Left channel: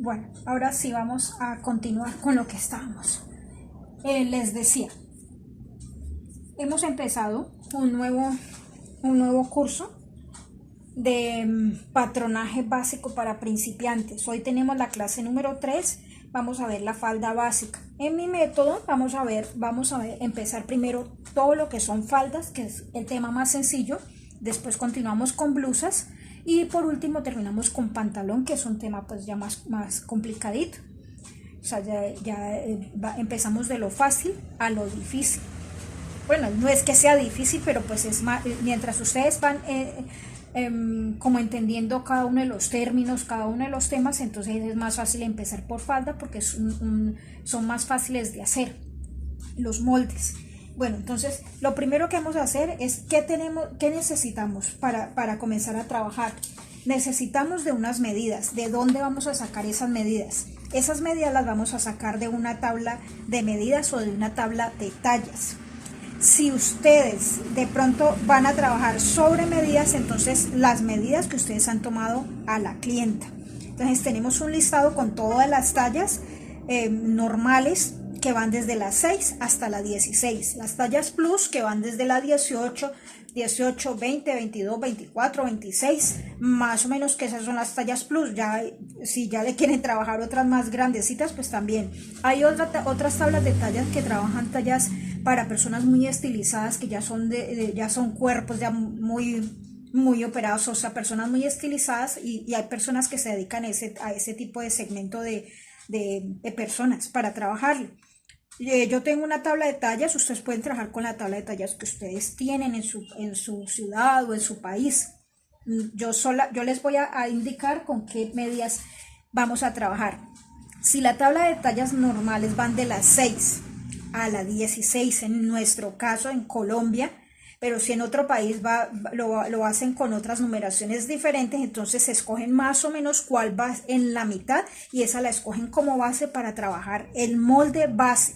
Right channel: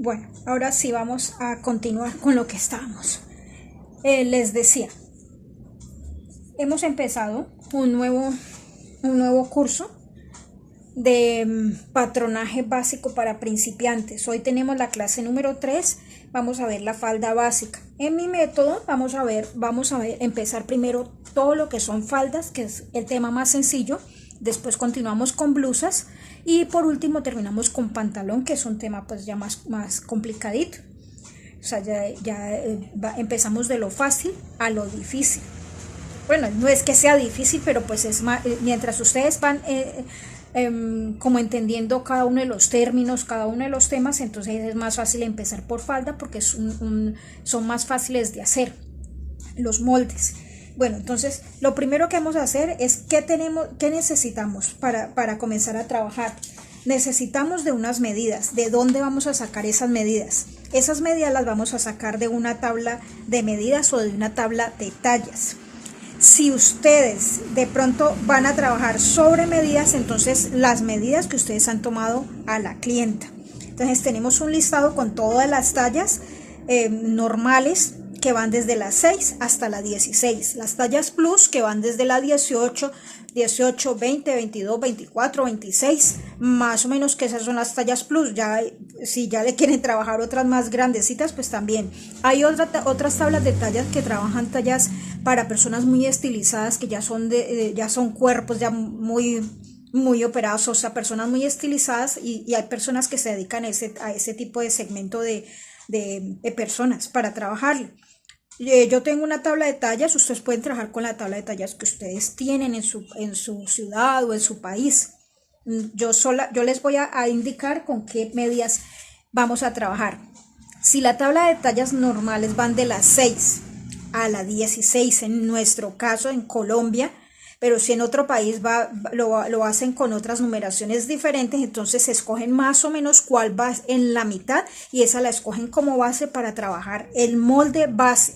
Bueno, ahora sí vamos a continuar con lo que estábamos. Les decía, hemos empezado un nuevo curso de patronaje básico para principiantes. Hoy tenemos la clase número 3. Vamos a ver la falda básica. En mi método vamos a ver, empezar primero todo lo que son faldas, que es el tema más sencillo. Después continuamos con blusas y por último terminamos con pantalón, que es un tema pues ya más complicadito. O sea, empezamos de lo fácil a lo difícil. Bueno, no es que sea difícil, pero pues es más, mientras ustedes van como entendiendo cada uno de los términos, cada uno de los temas, entonces es más fácil empezar por falda porque son más fáciles de hacer los moldes. Bueno, entonces lo primero que vamos a hacer es qué necesitamos para comenzar a trabajar. Necesitamos de unas medidas. ¿De dónde vamos a sacar esas medidas? Esas medidas las vamos a sacar de una tabla de medidas o de una tabla de tallas. Si ustedes de pronto van a trabajar sobre medidas, entonces las medidas que ustedes han tomado a la clienta. Entonces tenemos un listado con todas las tallas normales que van desde la 6 hasta la 16. Las tallas plus que van desde la 18, 20, 22, 24, 26. Más o menos que esas son las tallas plus. Ya, si ya le quieren trabajar otras más grandecitas, pues también. Hay otras tablas de tallas que trabajan tallas para personas muy estilizadas, que ya son cuerpos ya muy operados, o sea, personas muy estilizadas, y hay personas que se dedican a ese tipo de segmento de personas para trabajarlo. Yo tengo una tabla de tallas. Ustedes pueden trabajar con la tabla de tallas que ustedes tienen en su ciudad o en su país. Yo les voy a indicar con qué medidas vamos a trabajar. Si la tabla de tallas normales van de las 6 a la 16, en nuestro caso en Colombia, pero si en otro país lo hacen con otras numeraciones diferentes, entonces se escogen más o menos cuál va en la mitad y esa la escogen como base para trabajar el molde base.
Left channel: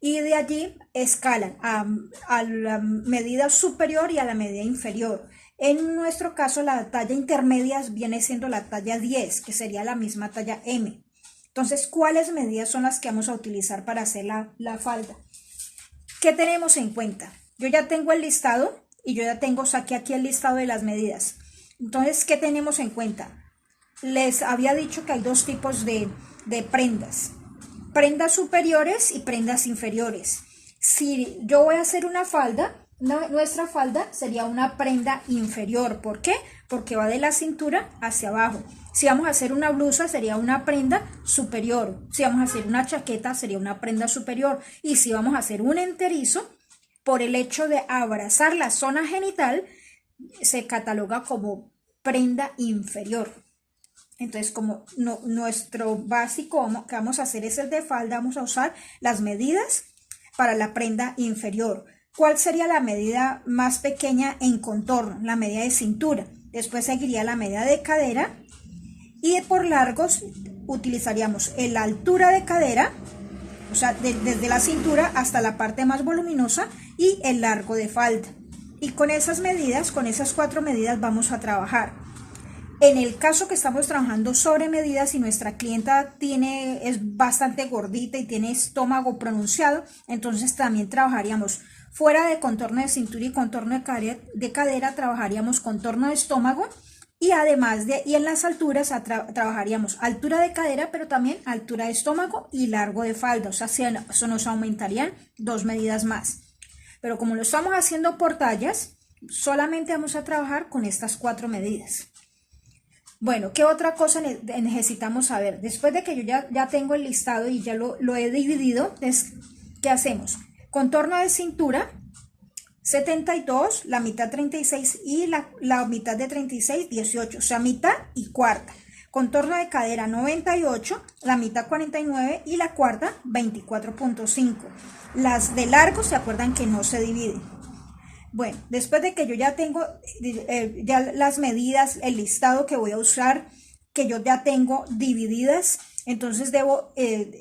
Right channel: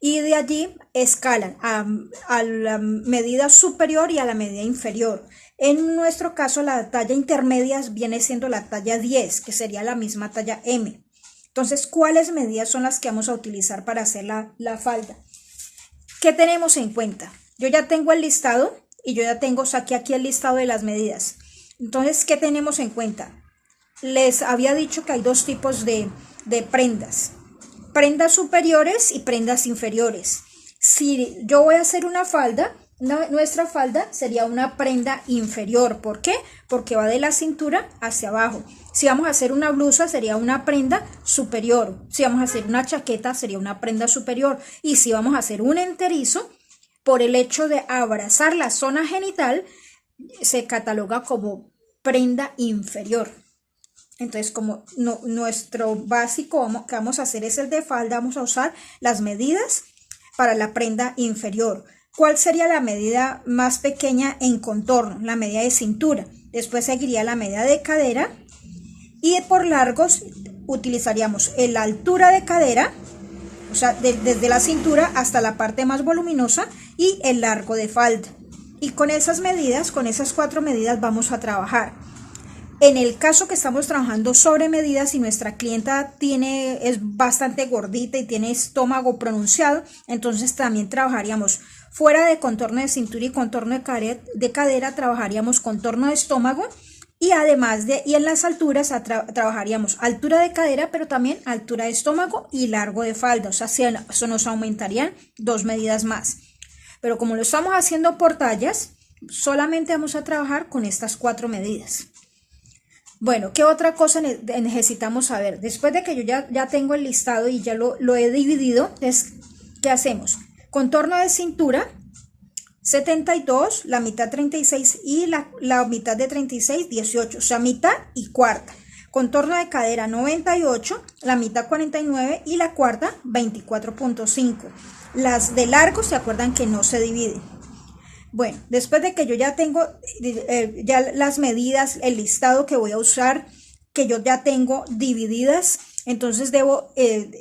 Y de allí escalan a la medida superior y a la medida inferior. En nuestro caso, la talla intermedia viene siendo la talla 10, que sería la misma talla M. Entonces, ¿cuáles medidas son las que vamos a utilizar para hacer la falda? ¿Qué tenemos en cuenta? Yo ya tengo el listado y yo ya saqué aquí el listado de las medidas. Entonces, ¿qué tenemos en cuenta? Les había dicho que hay dos tipos de prendas. Prendas superiores y prendas inferiores. Si yo voy a hacer una falda, nuestra falda sería una prenda inferior. ¿Por qué? Porque va de la cintura hacia abajo. Si vamos a hacer una blusa, sería una prenda superior. Si vamos a hacer una chaqueta, sería una prenda superior. Y si vamos a hacer un enterizo, por el hecho de abrazar la zona genital, se cataloga como prenda inferior. Entonces, como nuestro básico que vamos a hacer es el de falda, vamos a usar las medidas para la prenda inferior. ¿Cuál sería la medida más pequeña en contorno? La medida de cintura. Después seguiría la medida de cadera. Y por largos utilizaríamos la altura de cadera, o sea, desde la cintura hasta la parte más voluminosa, y el largo de falda. Y con esas medidas, con esas 4 medidas vamos a trabajar. En el caso que estamos trabajando sobre medidas y nuestra clienta es bastante gordita y tiene estómago pronunciado, entonces también trabajaríamos fuera de contorno de cintura y contorno de cadera, trabajaríamos contorno de estómago, y además y en las alturas trabajaríamos altura de cadera, pero también altura de estómago y largo de falda. O sea, eso nos aumentarían 2 medidas más. Pero como lo estamos haciendo por tallas, solamente vamos a trabajar con estas 4 medidas. Bueno, ¿qué otra cosa necesitamos saber? Después de que yo ya tengo el listado y ya lo he dividido, ¿qué hacemos? Contorno de cintura, 72, la mitad 36 y la mitad de 36, 18, o sea, mitad y cuarta. Contorno de cadera 98, la mitad 49 y la cuarta 24.5. Las de largo, ¿se acuerdan que no se dividen? Bueno, después de que yo ya tengo ya las medidas, el listado que voy a usar, que yo ya tengo divididas, entonces debo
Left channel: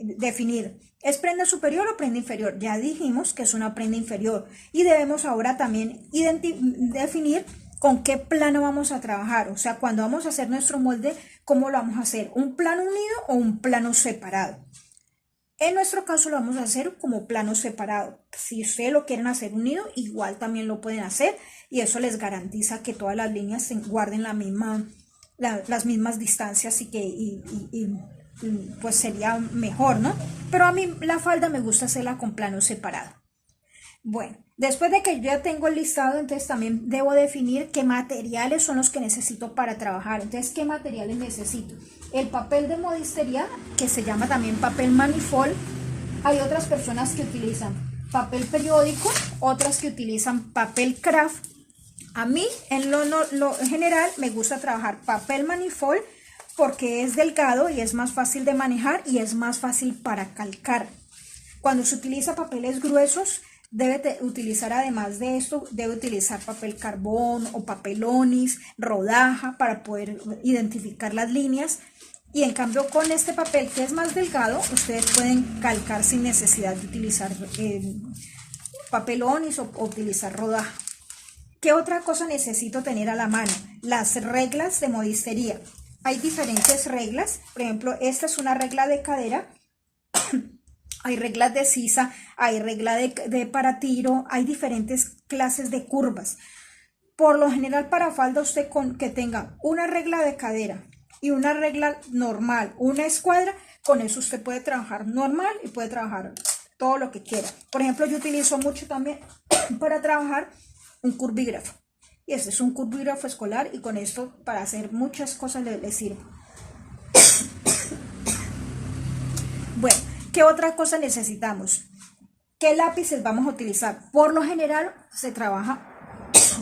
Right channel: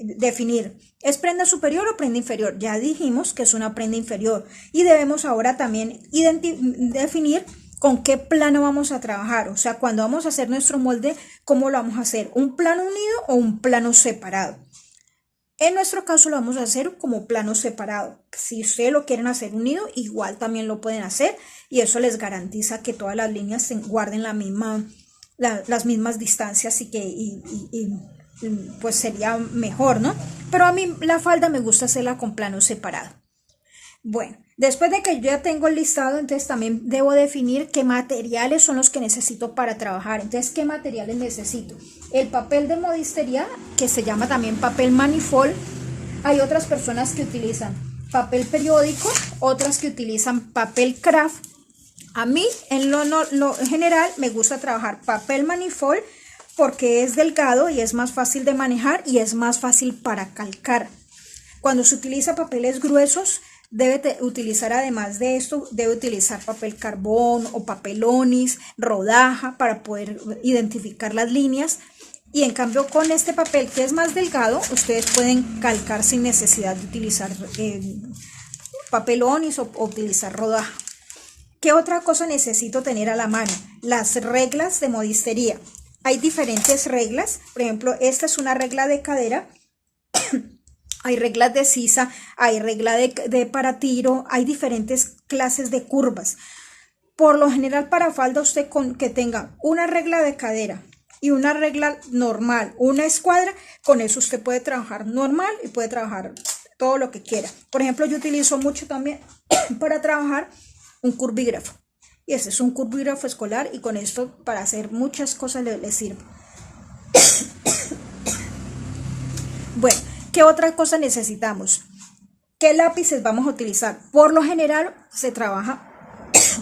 definir, ¿es prenda superior o prenda inferior? Ya dijimos que es una prenda inferior y debemos ahora también definir con qué plano vamos a trabajar. O sea, cuando vamos a hacer nuestro molde, ¿cómo lo vamos a hacer? ¿Un plano unido o un plano separado? En nuestro caso lo vamos a hacer como plano separado. Si ustedes lo quieren hacer unido, igual también lo pueden hacer y eso les garantiza que todas las líneas se guarden las mismas distancias y pues sería mejor, ¿no? Pero a mí la falda me gusta hacerla con plano separado. Bueno, después de que yo ya tengo el listado, entonces también debo definir qué materiales son los que necesito para trabajar. Entonces, ¿qué materiales necesito? El papel de modistería, que se llama también papel manifold. Hay otras personas que utilizan papel periódico, otras que utilizan papel craft. A mí, en lo general, me gusta trabajar papel manifold porque es delgado y es más fácil de manejar y es más fácil para calcar. Cuando se utiliza papeles gruesos, debe utilizar, además de esto, debe utilizar papel carbón o papel onis, rodaja para poder identificar las líneas. Y en cambio con este papel que es más delgado, ustedes pueden calcar sin necesidad de utilizar papel onis o utilizar rodaja. ¿Qué otra cosa necesito tener a la mano? Las reglas de modistería. Hay diferentes reglas, por ejemplo, esta es una regla de cadera. Hay reglas de sisa, hay regla de para tiro, hay diferentes clases de curvas. Por lo general para falda usted con que tenga una regla de cadera y una regla normal, una escuadra, con eso usted puede trabajar normal y puede trabajar todo lo que quiera. Por ejemplo, yo utilizo mucho también para trabajar un curvígrafo. Y ese es un curvígrafo escolar y con esto para hacer muchas cosas le sirve. Bueno. ¿Qué otra cosa necesitamos? ¿Qué lápices vamos a utilizar? Por lo general se trabaja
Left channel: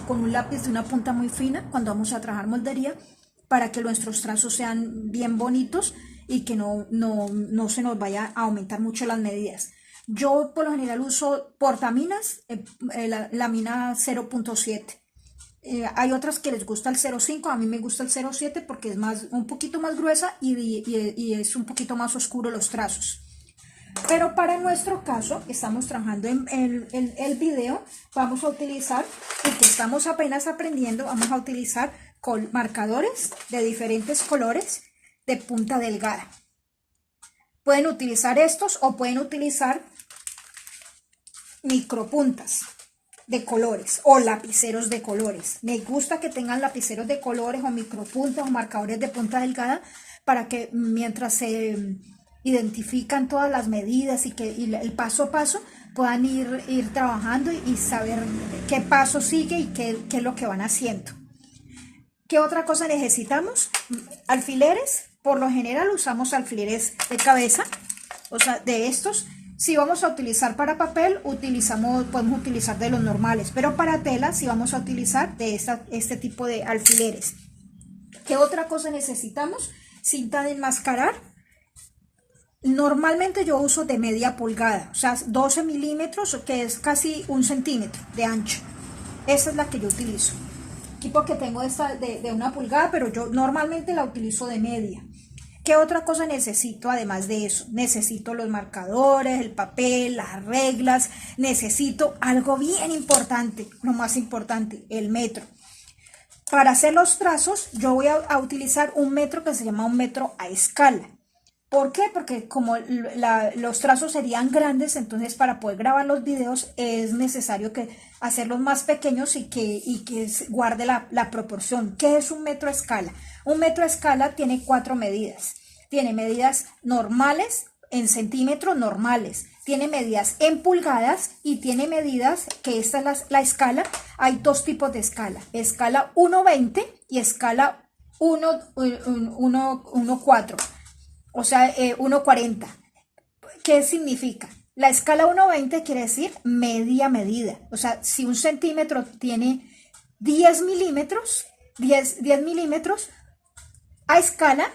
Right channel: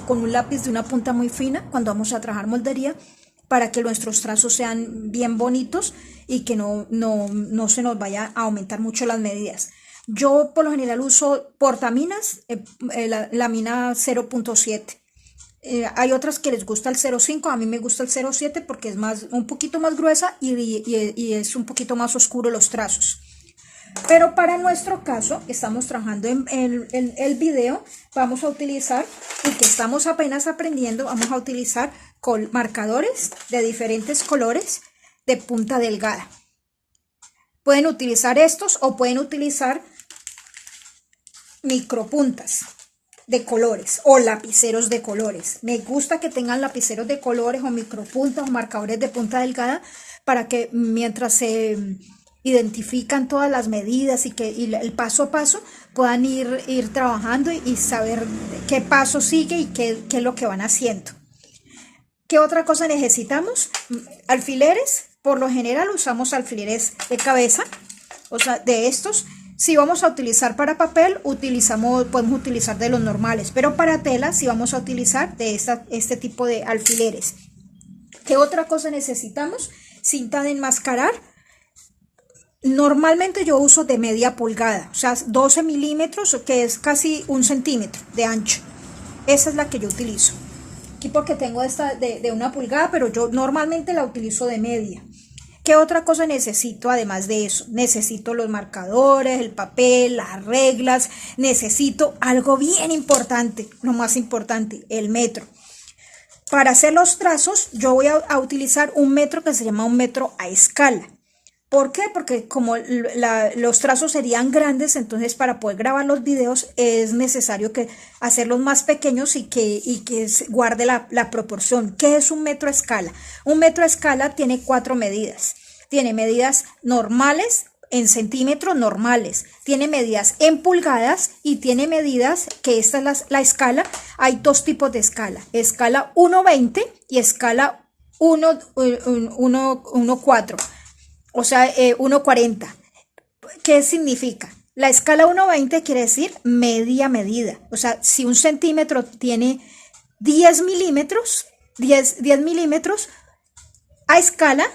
con un lápiz de una punta muy fina cuando vamos a trabajar moldería para que nuestros trazos sean bien bonitos y que no se nos vaya a aumentar mucho las medidas. Yo por lo general uso portaminas, la mina 0.7. Hay otras que les gusta el 0.5, a mí me gusta el 0.7 porque es un poquito más gruesa y es un poquito más oscuro los trazos. Pero para nuestro caso, que estamos trabajando en el video, vamos a utilizar, y que estamos apenas aprendiendo, vamos a utilizar marcadores de diferentes colores de punta delgada. Pueden utilizar estos o pueden utilizar micropuntas de colores o lapiceros de colores. Me gusta que tengan lapiceros de colores o micropuntas o marcadores de punta delgada para que mientras se identifican todas las medidas y el paso a paso puedan ir trabajando y saber qué paso sigue y qué es lo que van haciendo. ¿Qué otra cosa necesitamos? Alfileres. Por lo general usamos alfileres de cabeza, o sea, de estos. Si vamos a utilizar para papel, podemos utilizar de los normales, pero para tela sí vamos a utilizar de este tipo de alfileres. ¿Qué otra cosa necesitamos? Cinta de enmascarar. Normalmente yo uso de media pulgada, o sea, 12 milímetros, que es casi 1 centímetro de ancho. Esa es la que yo utilizo. Aquí porque tengo esta de 1 pulgada, pero yo normalmente la utilizo de media. ¿Qué otra cosa necesito además de eso? Necesito los marcadores, el papel, las reglas. Necesito algo bien importante, lo más importante, el metro. Para hacer los trazos, yo voy a utilizar un metro que se llama un metro a escala. ¿Por qué? Porque como los trazos serían grandes, entonces para poder grabar los videos es necesario hacerlos más pequeños y que guarde la proporción. ¿Qué es un metro a escala? Un metro a escala tiene 4 medidas. Tiene medidas normales en centímetros normales, tiene medidas en pulgadas y tiene medidas, que esta es la escala. Hay 2 tipos de escala: escala 1.20 y escala 1.4. O sea, 1.40. ¿Qué significa? La escala 1.20 quiere decir media medida. O sea, si un centímetro tiene 10 milímetros, 10 milímetros, a escala,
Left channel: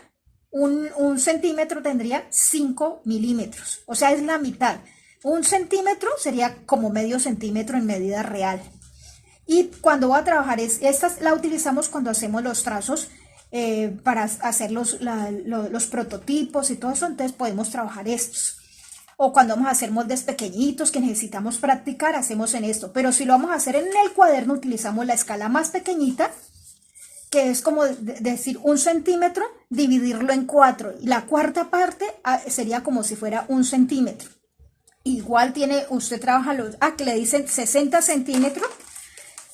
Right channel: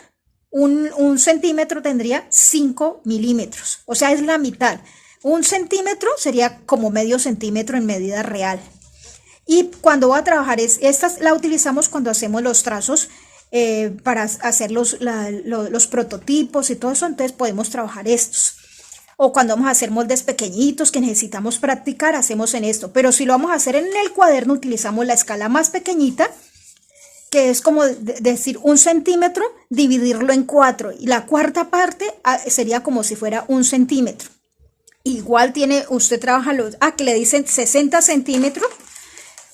un centímetro tendría 5 milímetros. O sea, es la mitad. Un centímetro sería como medio centímetro en medida real. Y cuando voy a trabajar, esta la utilizamos cuando hacemos los trazos para hacer los prototipos y todo eso, entonces podemos trabajar estos. o cuando vamos a hacer moldes pequeñitos que necesitamos practicar, hacemos en esto. Pero si lo vamos a hacer en el cuaderno, utilizamos la escala más pequeñita, que es como decir 1 centímetro, dividirlo en 4. Y la cuarta parte sería como si fuera 1 centímetro. Igual usted trabaja que le dicen 60 centímetros.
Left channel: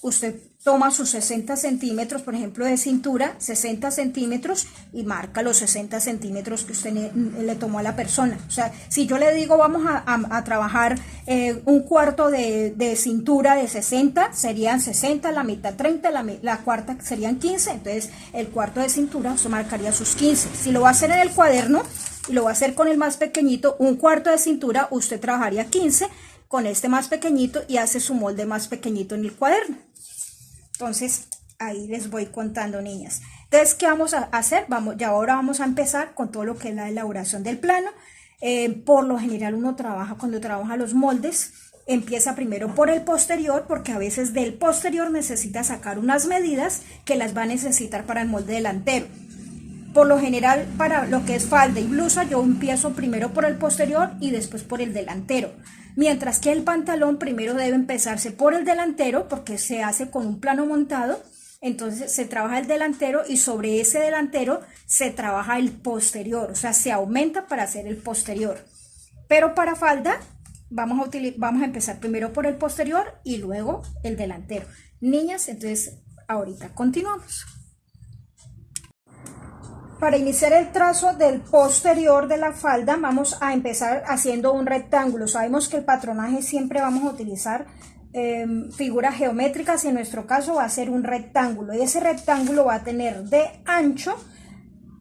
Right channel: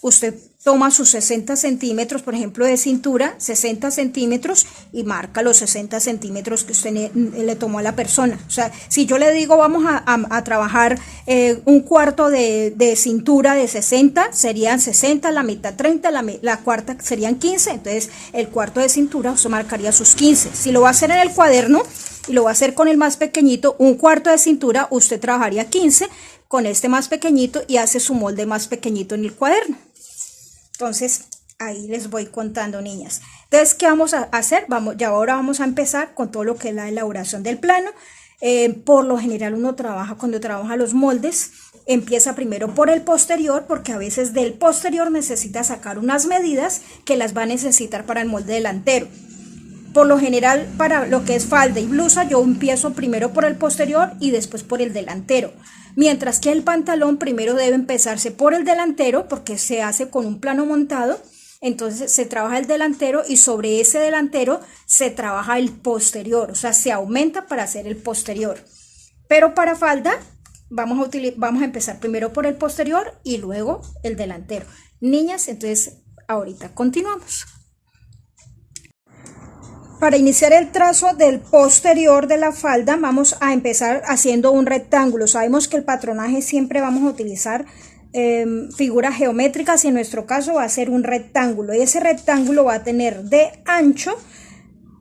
Usted toma sus 60 centímetros, por ejemplo, de cintura, 60 centímetros, y marca los 60 centímetros que usted le tomó a la persona. O sea, si yo le digo vamos a trabajar un cuarto de cintura de 60, serían 60, la mitad 30, la cuarta serían 15. Entonces, el cuarto de cintura usted marcaría sus 15. Si lo va a hacer en el cuaderno y lo va a hacer con el más pequeñito, un cuarto de cintura, usted trabajaría 15 con este más pequeñito y hace su molde más pequeñito en el cuaderno. Entonces, ahí les voy contando, niñas. Entonces, ¿qué vamos a hacer? Ya ahora vamos a empezar con todo lo que es la elaboración del plano. Por lo general uno cuando trabaja los moldes, empieza primero por el posterior, porque a veces del posterior necesita sacar unas medidas que las va a necesitar para el molde delantero. Por lo general, para lo que es falda y blusa, yo empiezo primero por el posterior y después por el delantero. Mientras que el pantalón primero debe empezarse por el delantero, porque se hace con un plano montado. Entonces se trabaja el delantero y sobre ese delantero se trabaja el posterior. O sea, se aumenta para hacer el posterior. Pero para falda vamos a empezar primero por el posterior y luego el delantero. Niñas, entonces ahorita continuamos. Para iniciar el trazo del posterior de la falda vamos a empezar haciendo un rectángulo. Sabemos que el patronaje siempre vamos a utilizar figuras geométricas y en nuestro caso va a ser un rectángulo. Y ese rectángulo va a tener de ancho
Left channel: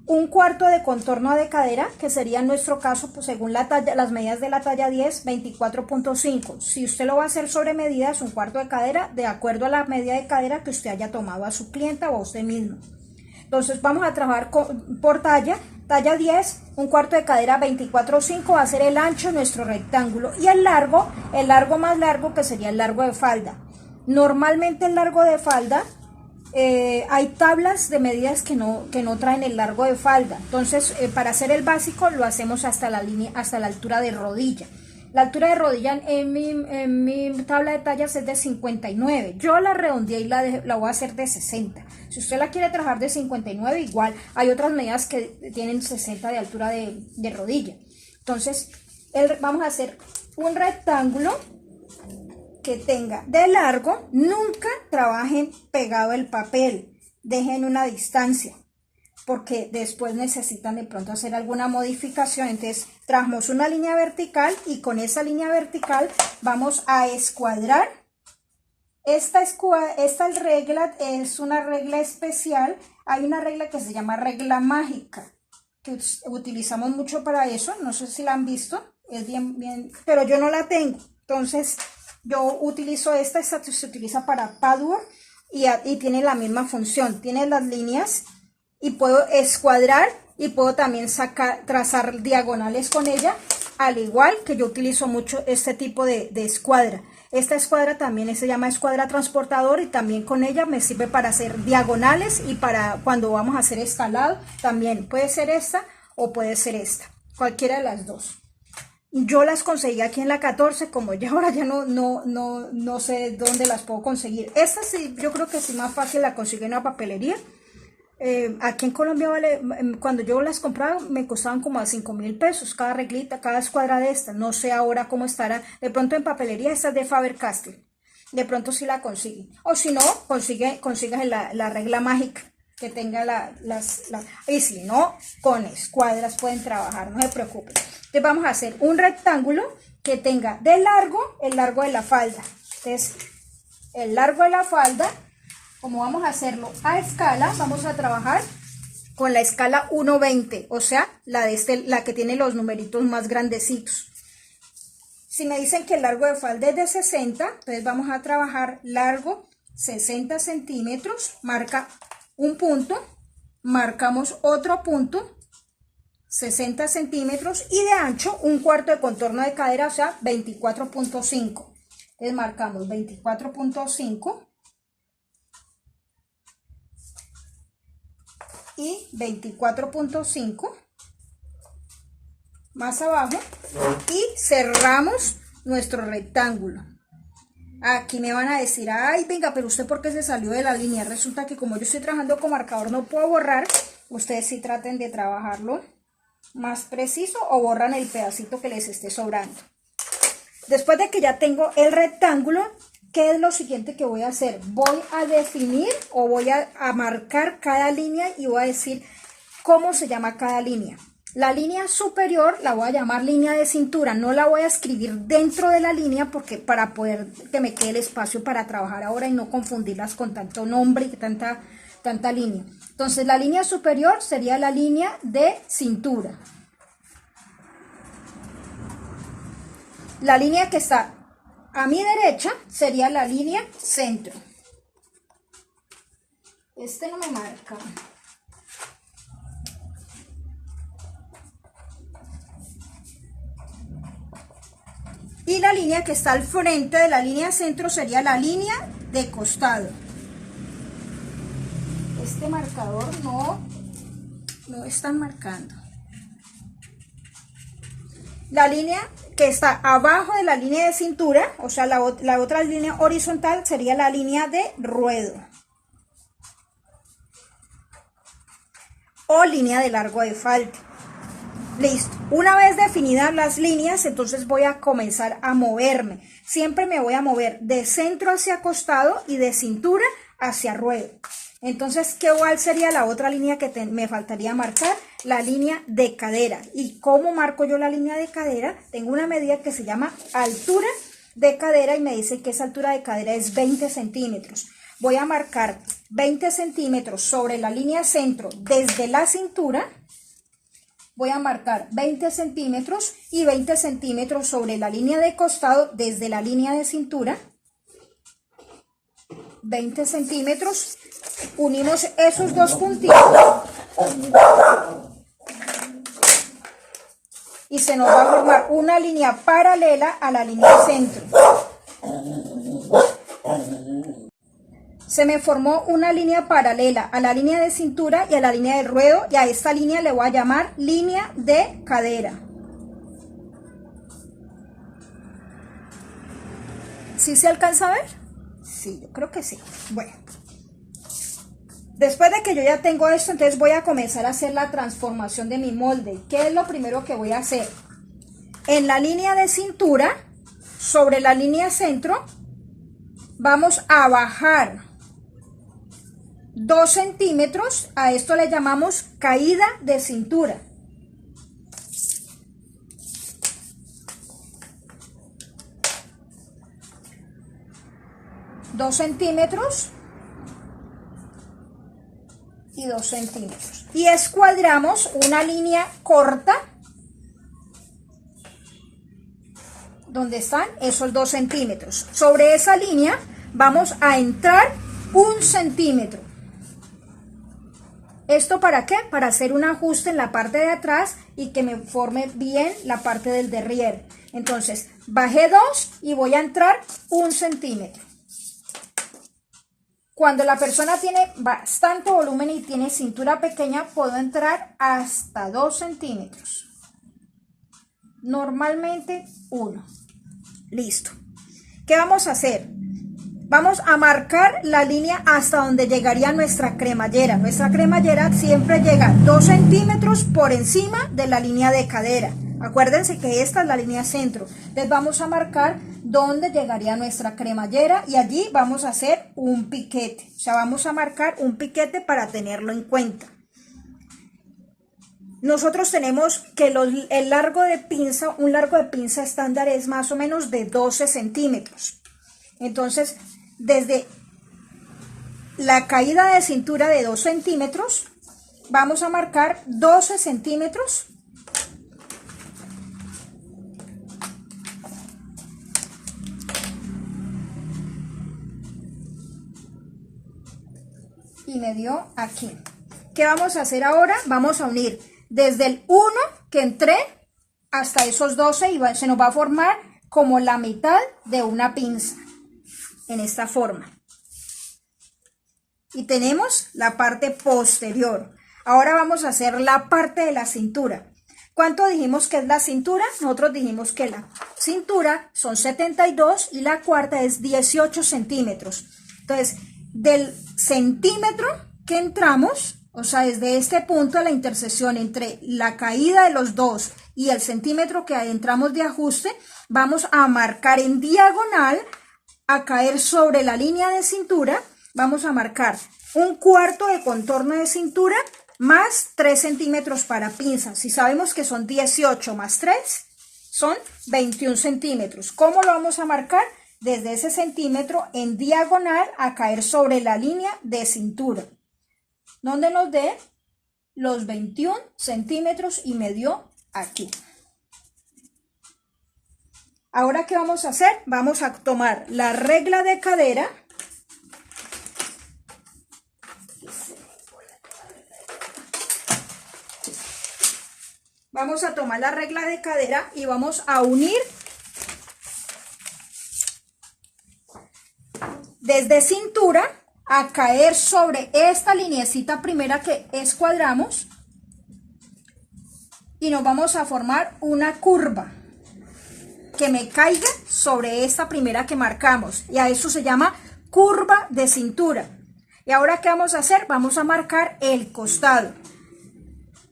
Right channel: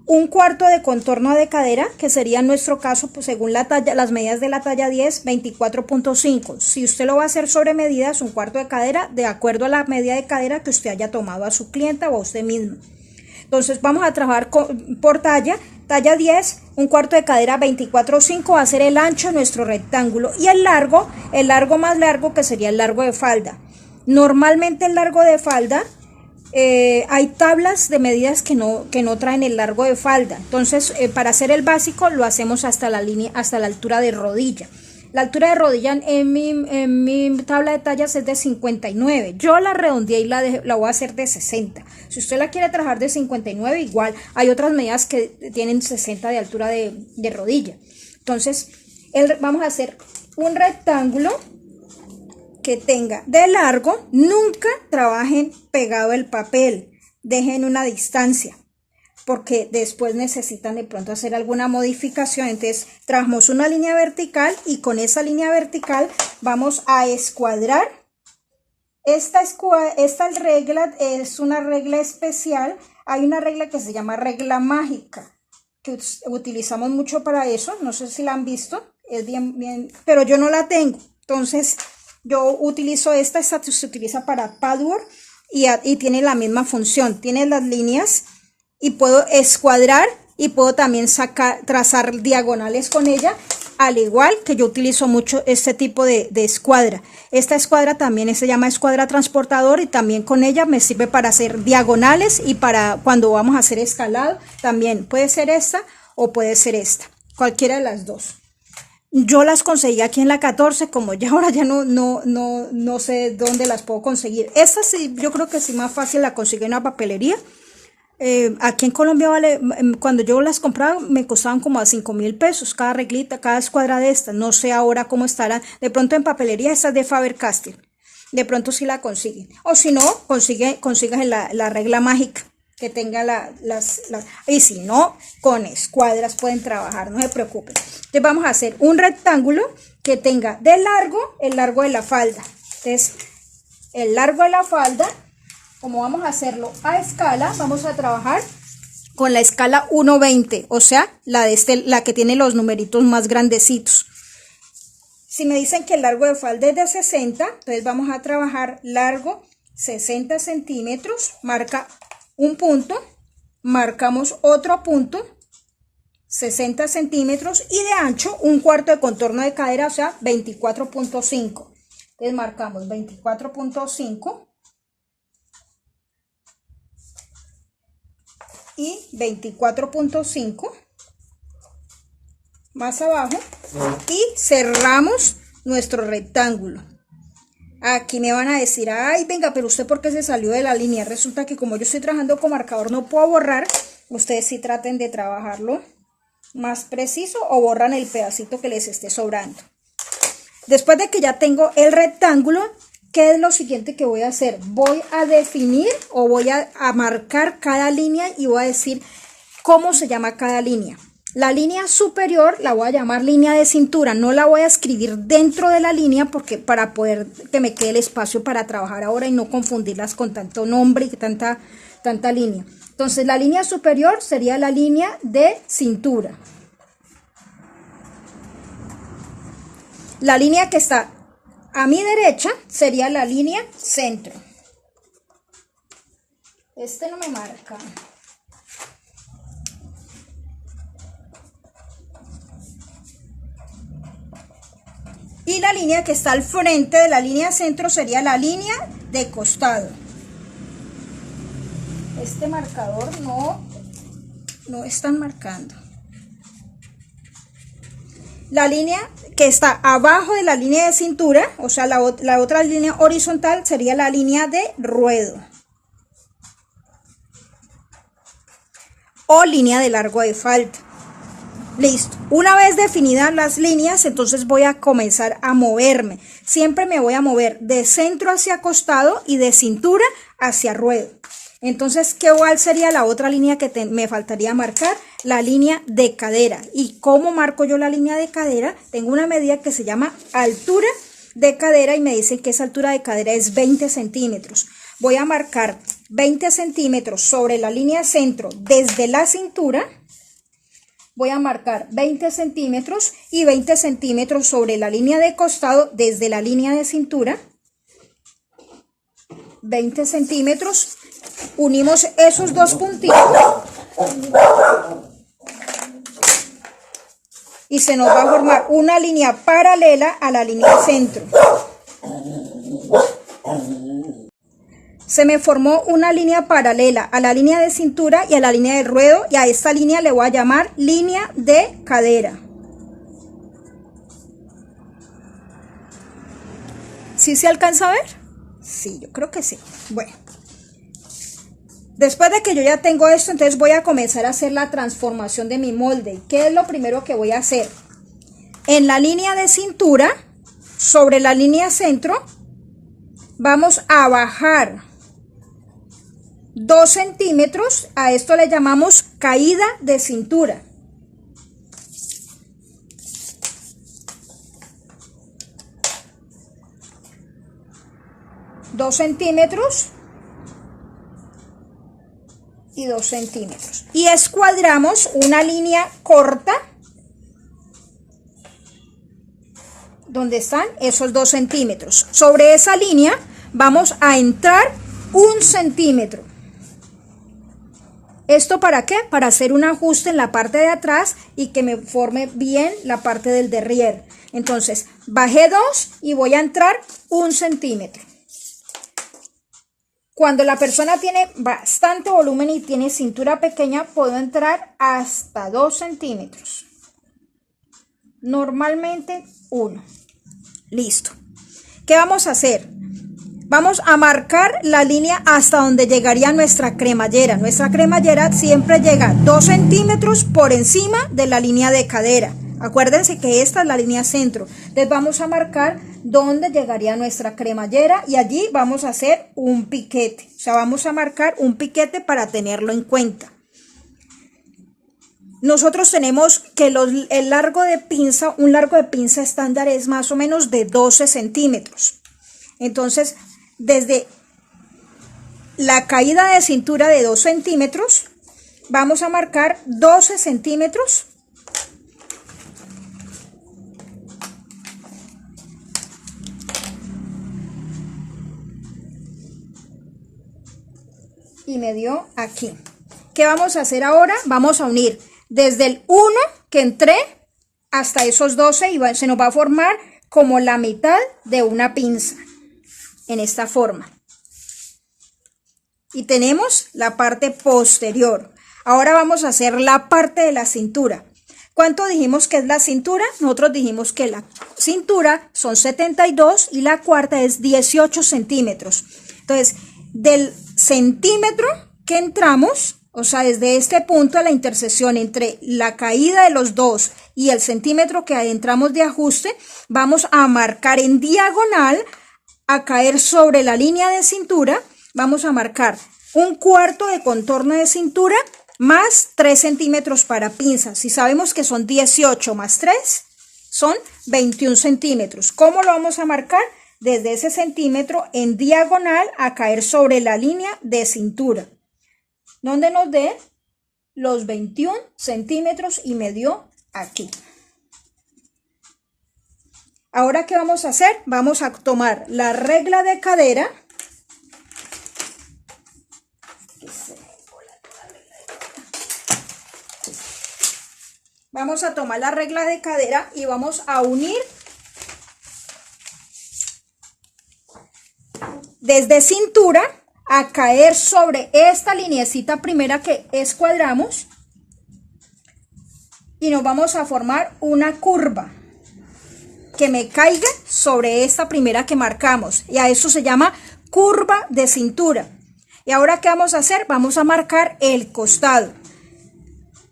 un cuarto de contorno de cadera, que sería en nuestro caso, pues según la talla, las medidas de la talla 10, 24.5. Si usted lo va a hacer sobre medidas, un cuarto de cadera, de acuerdo a la medida de cadera que usted haya tomado a su clienta o a usted mismo. Entonces vamos a trabajar por talla 10, un cuarto de cadera 24.5 va a ser el ancho de nuestro rectángulo y el largo más largo que sería el largo de falda. Normalmente el largo de falda, hay tablas de medidas que no traen el largo de falda. Entonces para hacer el básico lo hacemos hasta la altura de rodilla. La altura de rodilla en mi tabla de tallas es de 59. Yo la redondeé y la voy a hacer de 60. Si usted la quiere trabajar de 59, igual. Hay otras medidas que tienen 60 de altura de rodilla. Entonces, vamos a hacer un rectángulo que tenga de largo. Nunca trabajen pegado el papel. Dejen una distancia, porque después necesitan de pronto hacer alguna modificación. Entonces trabajamos una línea vertical y con esa línea vertical vamos a escuadrar. Esta regla es una regla especial. Hay una regla que se llama regla mágica, que utilizamos mucho para eso. No sé si la han visto, es bien, pero yo no la tengo. Entonces yo utilizo esta se utiliza para patchwork y tiene la misma función. Tiene las líneas y puedo escuadrar y puedo también trazar diagonales con ella, al igual que yo utilizo mucho este tipo de escuadra. Esta escuadra también se llama escuadra transportador y también con ella me sirve para hacer diagonales y para cuando vamos a hacer escalado también puede ser esta o puede ser esta, cualquiera de las dos. Yo las conseguí aquí en la 14, como ya ahora ya no sé dónde las puedo conseguir. Esta sí, yo creo que sí más fácil la conseguí en una papelería. Aquí en Colombia cuando yo las compraba me costaban como a 5.000 pesos cada reglita, cada escuadra de estas. No sé ahora cómo estará. De pronto en papelería esta es de Faber-Castell. De pronto sí la consiguen. O si no, consigas la regla mágica que tenga y si no, con escuadras pueden trabajar, no se preocupen. Entonces vamos a hacer un rectángulo que tenga de largo el largo de la falda. Entonces el largo de la falda, como vamos a hacerlo a escala, vamos a trabajar con la escala 1:20, o sea, la que tiene los numeritos más grandecitos. Si me dicen que el largo de falda es de 60, entonces vamos a trabajar largo 60 centímetros, marca un punto, marcamos otro punto, 60 centímetros y de ancho un cuarto de contorno de cadera, o sea, 24.5. Entonces marcamos 24.5. Y 24.5 más abajo y cerramos nuestro rectángulo. Aquí me van a decir, ay, venga, pero usted ¿por qué se salió de la línea? Resulta que como yo estoy trabajando con marcador no puedo borrar. Ustedes sí traten de trabajarlo más preciso o borran el pedacito que les esté sobrando. Después de que ya tengo el rectángulo, ¿qué es lo siguiente que voy a hacer? Voy a definir o voy a marcar cada línea y voy a decir cómo se llama cada línea. La línea superior la voy a llamar línea de cintura, no la voy a escribir dentro de la línea porque para poder que me quede el espacio para trabajar ahora y no confundirlas con tanto nombre y tanta línea. Entonces la línea superior sería la línea de cintura. La línea que está a mi derecha sería la línea centro. Este no me marca. Y la línea que está al frente de la línea centro sería la línea de costado. Este marcador no están marcando. La línea que está abajo de la línea de cintura, o sea, la otra línea horizontal sería la línea de ruedo. O línea de largo de falda. Listo, una vez definidas las líneas, entonces voy a comenzar a moverme. Siempre me voy a mover de centro hacia costado y de cintura hacia ruedo. Entonces, ¿cuál sería la otra línea que me faltaría marcar? La línea de cadera. ¿Y cómo marco yo la línea de cadera? Tengo una medida que se llama altura de cadera y me dicen que esa altura de cadera es 20 centímetros. Voy a marcar 20 centímetros sobre la línea centro desde la cintura. Voy a marcar 20 centímetros y 20 centímetros sobre la línea de costado desde la línea de cintura. 20 centímetros. Unimos esos dos puntitos. Y se nos va a formar una línea paralela a la línea de centro. Se me formó una línea paralela a la línea de cintura y a la línea de ruedo, y a esta línea le voy a llamar línea de cadera. ¿Sí se alcanza a ver? Sí, yo creo que sí. Bueno, después de que yo ya tengo esto, entonces voy a comenzar a hacer la transformación de mi molde. ¿Qué es lo primero que voy a hacer? En la línea de cintura, sobre la línea centro, vamos a bajar 2 centímetros, a esto le llamamos caída de cintura. Dos centímetros y 2 centímetros. Y escuadramos una línea corta donde están esos 2 centímetros. Sobre esa línea vamos a entrar 1 centímetro. ¿Esto para qué? Para hacer un ajuste en la parte de atrás y que me forme bien la parte del derrière. Entonces, bajé 2 y voy a entrar 1 centímetro. Cuando la persona tiene bastante volumen y tiene cintura pequeña, puedo entrar hasta 2 centímetros. Normalmente 1. Listo. ¿Qué vamos a hacer? Vamos a marcar la línea hasta donde llegaría nuestra cremallera. Nuestra cremallera siempre llega 2 centímetros por encima de la línea de cadera. Acuérdense que esta es la línea centro. Entonces vamos a marcar dónde llegaría nuestra cremallera y allí vamos a hacer un piquete. O sea, vamos a marcar un piquete para tenerlo en cuenta. Nosotros tenemos que el largo de pinza, un largo de pinza estándar es más o menos de 12 centímetros. Entonces, desde la caída de cintura de 2 centímetros, vamos a marcar 12 centímetros. Y me dio aquí. ¿Qué vamos a hacer ahora? Vamos a unir desde el 1 que entré hasta esos 12 y se nos va a formar como la mitad de una pinza. En esta forma. Y tenemos la parte posterior. Ahora vamos a hacer la parte de la cintura. ¿Cuánto dijimos que es la cintura? Nosotros dijimos que la cintura son 72 y la cuarta es 18 centímetros. Entonces, del centímetro que entramos, o sea, desde este punto a la intersección entre la caída de los dos y el centímetro que entramos de ajuste, vamos a marcar en diagonal, a caer sobre la línea de cintura, vamos a marcar un cuarto de contorno de cintura más 3 centímetros para pinza. Si sabemos que son 18 más 3, son 21 centímetros. ¿Cómo lo vamos a marcar? Desde ese centímetro en diagonal a caer sobre la línea de cintura, donde nos dé los 21 centímetros y me dio aquí. Ahora, ¿qué vamos a hacer? Vamos a tomar la regla de cadera. Vamos a tomar la regla de cadera y vamos a unir desde cintura a caer sobre esta lineecita primera que escuadramos y nos vamos a formar una curva que me caiga sobre esta primera que marcamos, y a eso se llama curva de cintura. Y ahora, ¿qué vamos a hacer? Vamos a marcar el costado.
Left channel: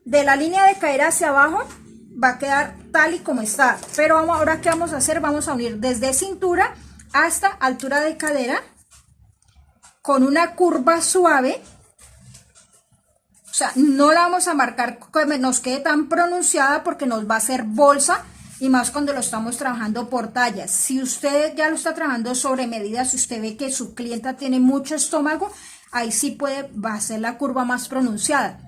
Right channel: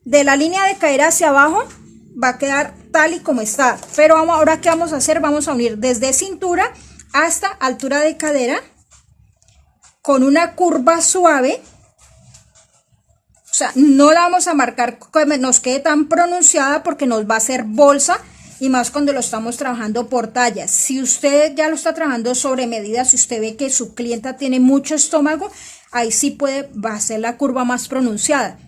De la línea de caer hacia abajo va a quedar tal y como está, pero ahora, ¿qué vamos a hacer? Vamos a unir desde cintura hasta altura de cadera con una curva suave. O sea, no la vamos a marcar que nos quede tan pronunciada porque nos va a hacer bolsa, y más cuando lo estamos trabajando por tallas. Si usted ya lo está trabajando sobre medida, si usted ve que su clienta tiene mucho estómago, ahí sí va a ser la curva más pronunciada.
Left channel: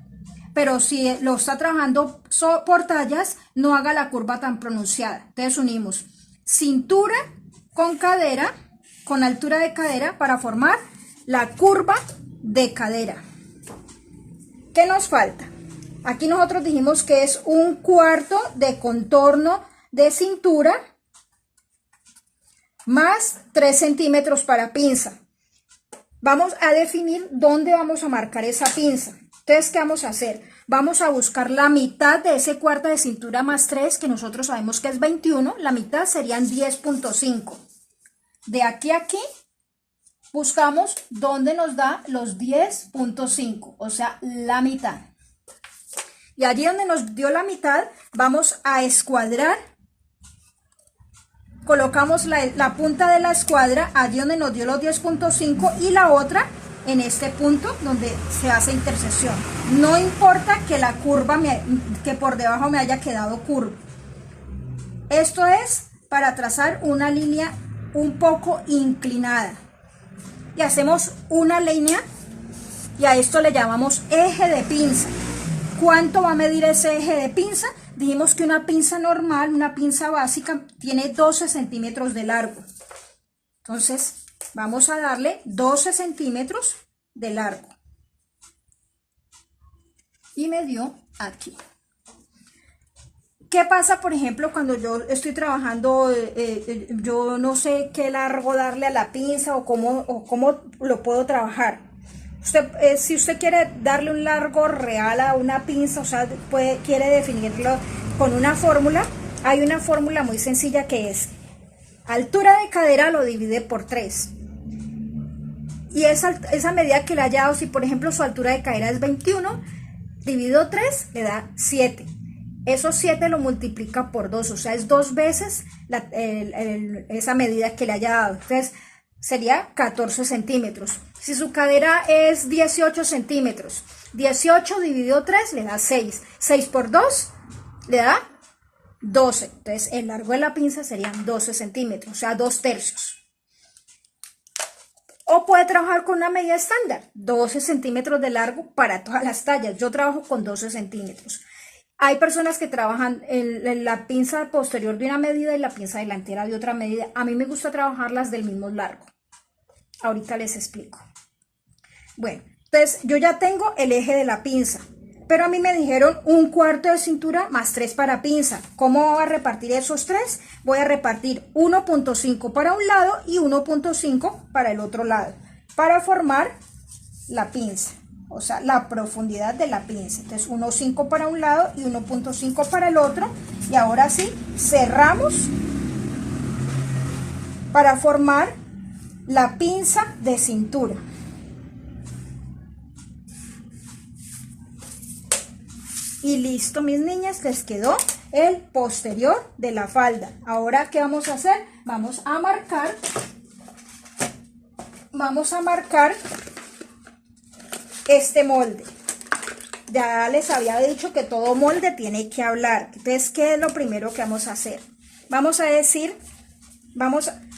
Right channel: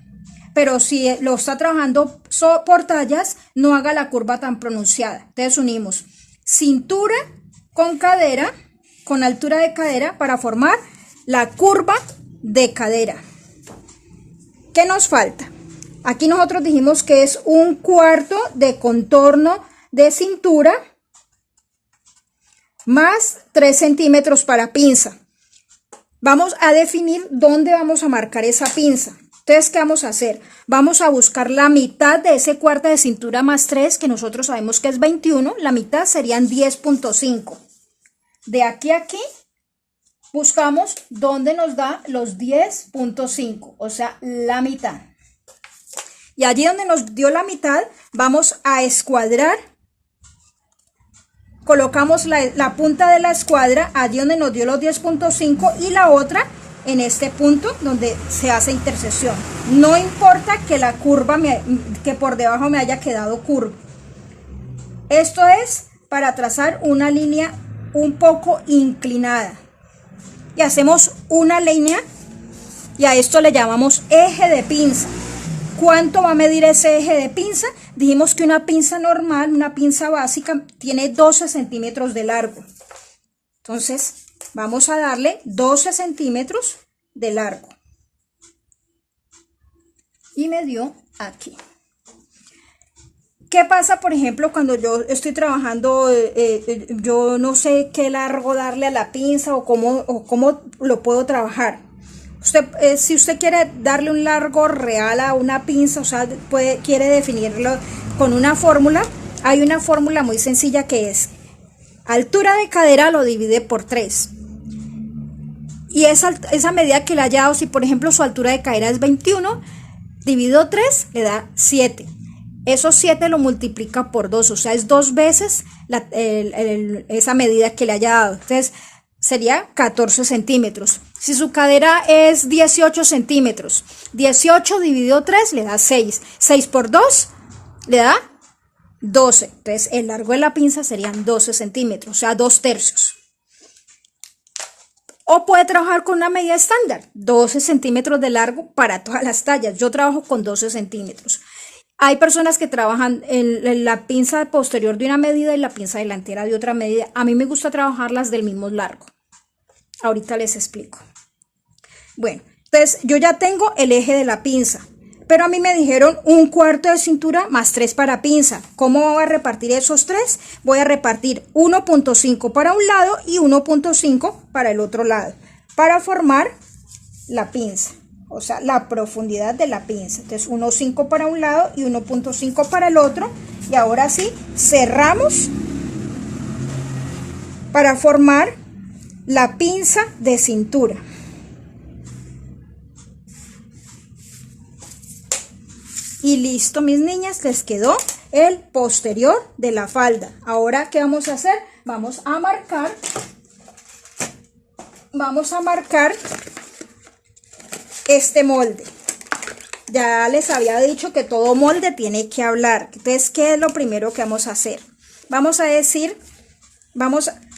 Pero si lo está trabajando por tallas, no haga la curva tan pronunciada. Entonces unimos cintura con cadera, con altura de cadera, para formar la curva de cadera. ¿Qué nos falta? Aquí nosotros dijimos que es un cuarto de contorno de cintura más 3 centímetros para pinza. Vamos a definir dónde vamos a marcar esa pinza. Entonces, ¿qué vamos a hacer? Vamos a buscar la mitad de ese cuarto de cintura más 3, que nosotros sabemos que es 21. La mitad serían 10.5. De aquí a aquí, buscamos dónde nos da los 10.5, o sea, la mitad. Y allí donde nos dio la mitad, vamos a escuadrar. Colocamos la punta de la escuadra allí donde nos dio los 10.5 y la otra en este punto donde se hace intersección. No importa que la curva, que por debajo me haya quedado curva. Esto es para trazar una línea un poco inclinada. Y hacemos una línea y a esto le llamamos eje de pinza. ¿Cuánto va a medir ese eje de pinza? Dijimos que una pinza normal, una pinza básica, tiene 12 centímetros de largo. Entonces, vamos a darle 12 centímetros de largo. Y me dio aquí. ¿Qué pasa, por ejemplo, cuando yo estoy trabajando, yo no sé qué largo darle a la pinza o cómo lo puedo trabajar? Si usted quiere darle un largo real a una pinza, o sea, quiere definirlo con una fórmula, hay una fórmula muy sencilla que es altura de cadera lo divide por 3. Y esa medida que le haya dado, si por ejemplo su altura de cadera es 21, dividido 3 le da 7. Esos 7 lo multiplica por 2, o sea, es 2 veces esa medida que le haya dado. Entonces, sería 14 centímetros. Si su cadera es 18 centímetros, 18 dividido 3 le da 6. 6 por 2 le da 12. Entonces, el largo de la pinza serían 12 centímetros, o sea, 2/3. O puede trabajar con una medida estándar, 12 centímetros de largo para todas las tallas. Yo trabajo con 12 centímetros. Hay personas que trabajan en la pinza posterior de una medida y la pinza delantera de otra medida. A mí me gusta trabajarlas del mismo largo. Ahorita les explico. Bueno, entonces yo ya tengo el eje de la pinza, pero a mí me dijeron un cuarto de cintura más 3 para pinza. ¿Cómo voy a repartir esos 3? Voy a repartir 1.5 para un lado y 1.5 para el otro lado, para formar la pinza. o sea, la profundidad de la pinza. Entonces 1.5 para un lado y 1.5 para el otro, y ahora sí cerramos para formar la pinza de cintura. Y listo, mis niñas, les quedó el posterior de la falda. Ahora, ¿qué vamos a hacer? Vamos a marcar este molde. Ya les había dicho que todo molde tiene que hablar. Entonces, ¿qué es lo primero que vamos a hacer? Vamos a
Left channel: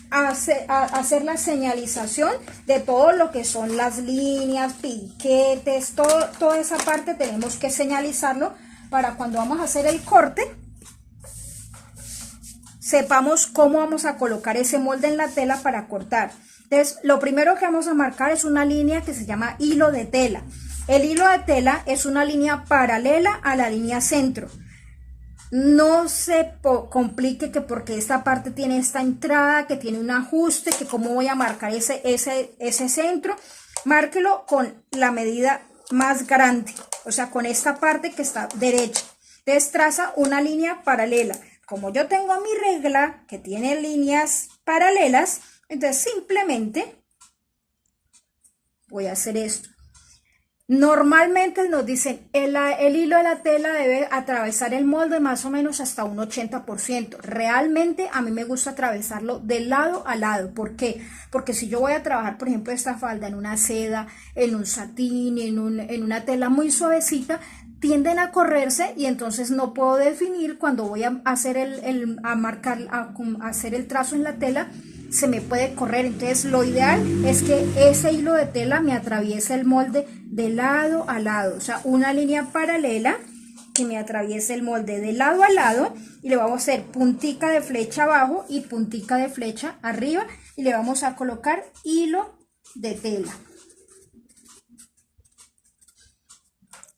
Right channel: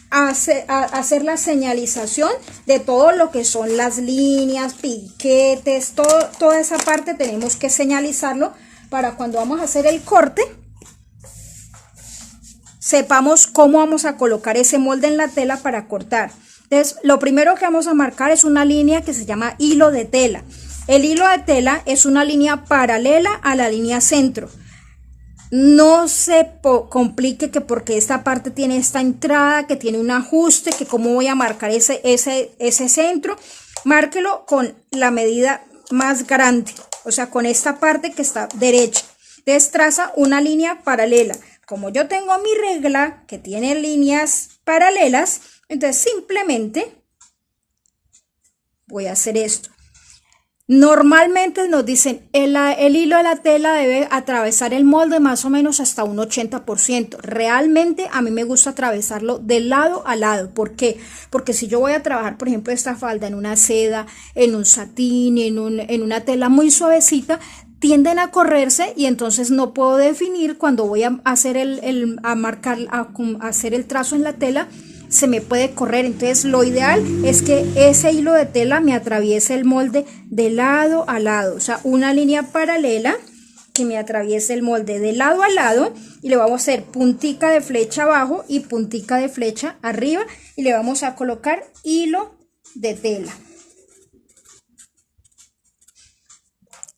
hacer la señalización de todo lo que son las líneas, piquetes, toda esa parte tenemos que señalizarlo para cuando vamos a hacer el corte, sepamos cómo vamos a colocar ese molde en la tela para cortar. Entonces, lo primero que vamos a marcar es una línea que se llama hilo de tela. El hilo de tela es una línea paralela a la línea centro. No se complique que porque esta parte tiene esta entrada, que tiene un ajuste, que cómo voy a marcar ese centro. Márquelo con la medida más grande, o sea, con esta parte que está derecha. Entonces traza una línea paralela. Como yo tengo mi regla que tiene líneas paralelas, entonces simplemente voy a hacer esto. Normalmente nos dicen el hilo de la tela debe atravesar el molde más o menos hasta un 80%. Realmente a mí me gusta atravesarlo de lado a lado. ¿Por qué? Porque si yo voy a trabajar, por ejemplo, esta falda en una seda, en un satín, en una tela muy suavecita, tienden a correrse y entonces no puedo definir cuando voy a hacer hacer el trazo en la tela. Se me puede correr. Entonces lo ideal es que ese hilo de tela me atraviese el molde de lado a lado, o sea, una línea paralela que me atraviese el molde de lado a lado, y le vamos a hacer puntica de flecha abajo y puntica de flecha arriba, y le vamos a colocar hilo de tela.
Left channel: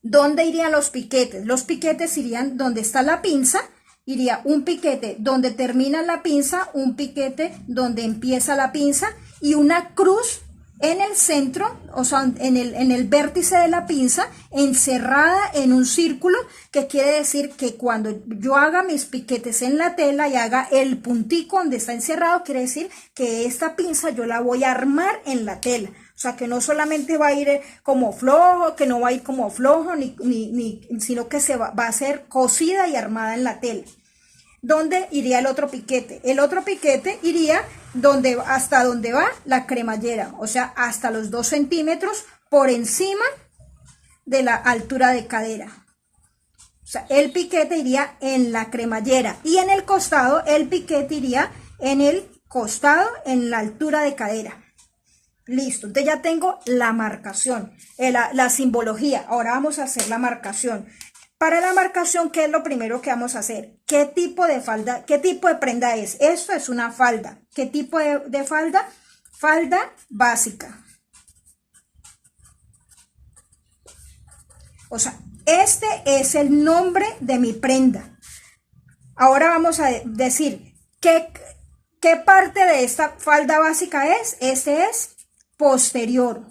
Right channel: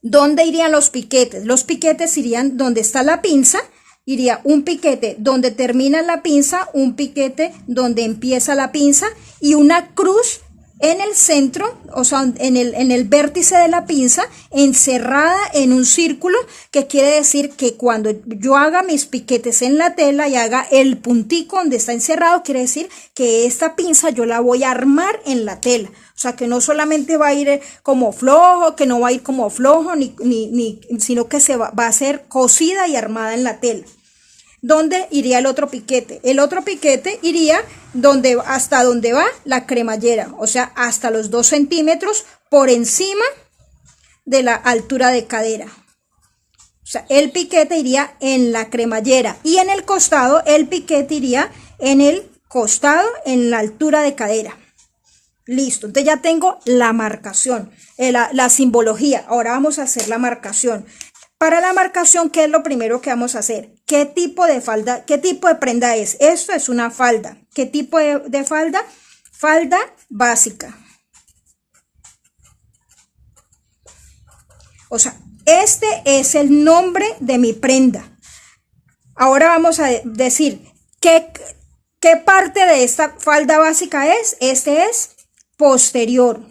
¿Dónde irían los piquetes? Los piquetes irían donde está la pinza. Iría un piquete donde termina la pinza, un piquete donde empieza la pinza y una cruz en el centro, o sea, en el vértice de la pinza, encerrada en un círculo, que quiere decir que cuando yo haga mis piquetes en la tela y haga el puntico donde está encerrado, quiere decir que esta pinza yo la voy a armar en la tela. O sea, que no solamente va a ir como flojo, que no va a ir como flojo, sino que va a ser cosida y armada en la tela. ¿Dónde iría el otro piquete? El otro piquete iría hasta donde va la cremallera, o sea, hasta los 2 centímetros por encima de la altura de cadera. O sea, el piquete iría en la cremallera, y en el costado el piquete iría en el costado, en la altura de cadera. Listo, entonces ya tengo la marcación, la simbología. Ahora vamos a hacer la marcación. Para la marcación, ¿qué es lo primero que vamos a hacer? ¿Qué tipo de falda, qué tipo de prenda es? Esto es una falda. ¿Qué tipo de falda? Falda básica. O sea, este es el nombre de mi prenda. Ahora vamos a decir qué parte de esta falda básica es. Este es posterior.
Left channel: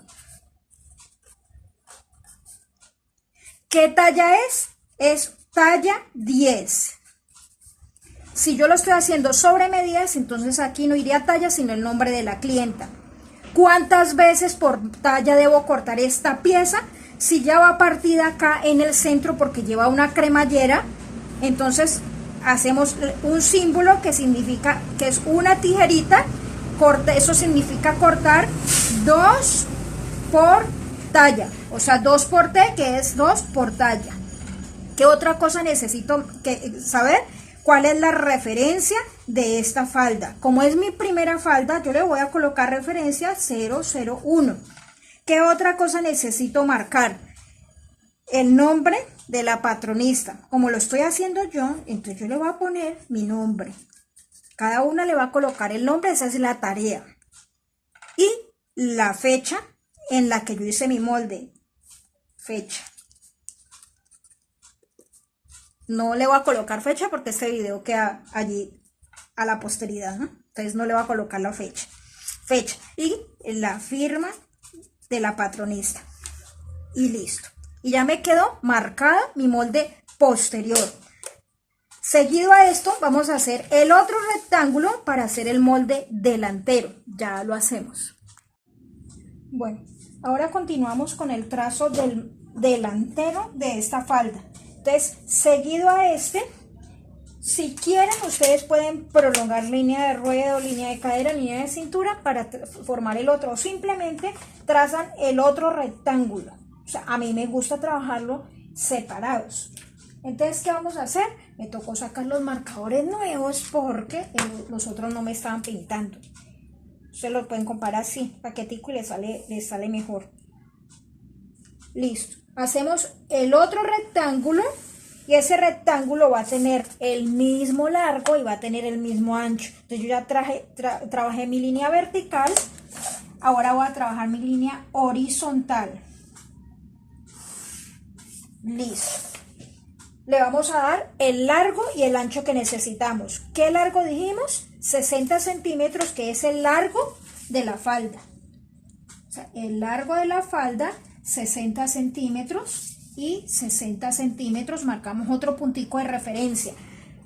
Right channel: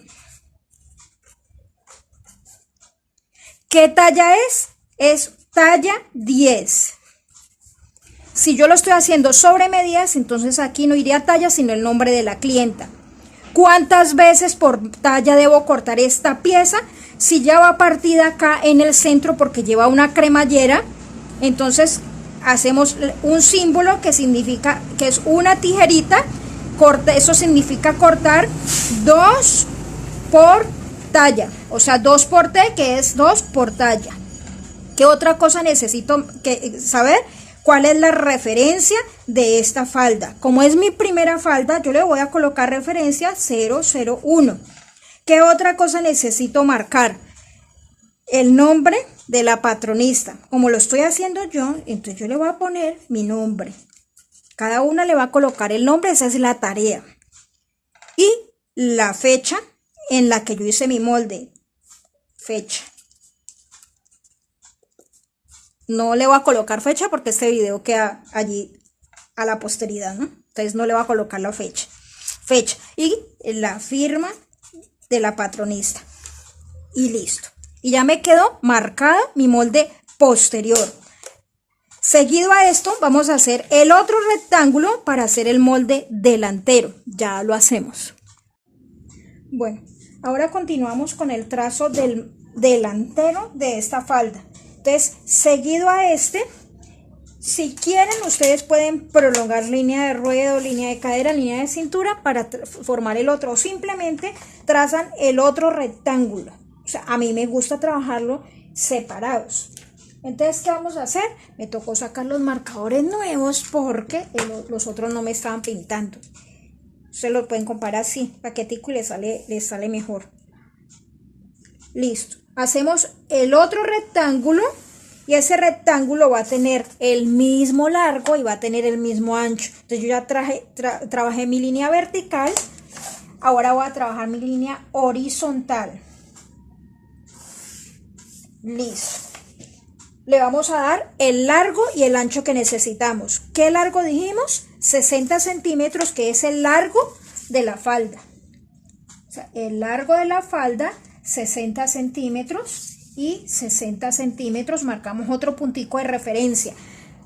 ¿Qué talla es? Es talla 10. Si yo lo estoy haciendo sobre medidas, entonces aquí no iría talla, sino el nombre de la clienta. ¿Cuántas veces por talla debo cortar esta pieza? Si ya va partida acá en el centro porque lleva una cremallera, entonces hacemos un símbolo que significa que es una tijerita. Eso significa cortar 2 por talla, o sea, 2 por T, que es 2 por talla. ¿Qué otra cosa necesito saber? ¿Cuál es la referencia de esta falda? Como es mi primera falda, yo le voy a colocar referencia 001. ¿Qué otra cosa necesito marcar? El nombre de la patronista. Como lo estoy haciendo yo, entonces yo le voy a poner mi nombre. Cada una le va a colocar el nombre, esa es la tarea. Y la fecha en la que yo hice mi molde. Fecha. No le voy a colocar fecha porque este video queda allí a la posteridad, ¿no? Entonces no le voy a colocar la fecha. Fecha. Y la firma de la patronista. y listo. Y ya me quedó marcada mi molde posterior. Seguido a esto vamos a hacer el otro rectángulo para hacer el molde delantero. Ya lo hacemos. Bueno, ahora continuamos con el trazo del delantero de esta falda. Entonces, seguido a este, si quieren, ustedes pueden prolongar línea de ruedo, línea de cadera, línea de cintura para formar el otro. O simplemente trazan el otro rectángulo. O sea, a mí me gusta trabajarlo separados. Entonces, ¿qué vamos a hacer? Me tocó sacar los marcadores nuevos porque los otros no me estaban pintando. Ustedes lo pueden comparar así, paquetico, y les sale mejor. Listo. Hacemos el otro rectángulo y ese rectángulo va a tener el mismo largo y va a tener el mismo ancho. Entonces yo ya trabajé mi línea vertical. Ahora voy a trabajar mi línea horizontal. Listo. Le vamos a dar el largo y el ancho que necesitamos. ¿Qué largo dijimos? 60 centímetros, que es el largo de la falda. O sea, el largo de la falda, 60 centímetros y 60 centímetros. Marcamos otro puntico de referencia.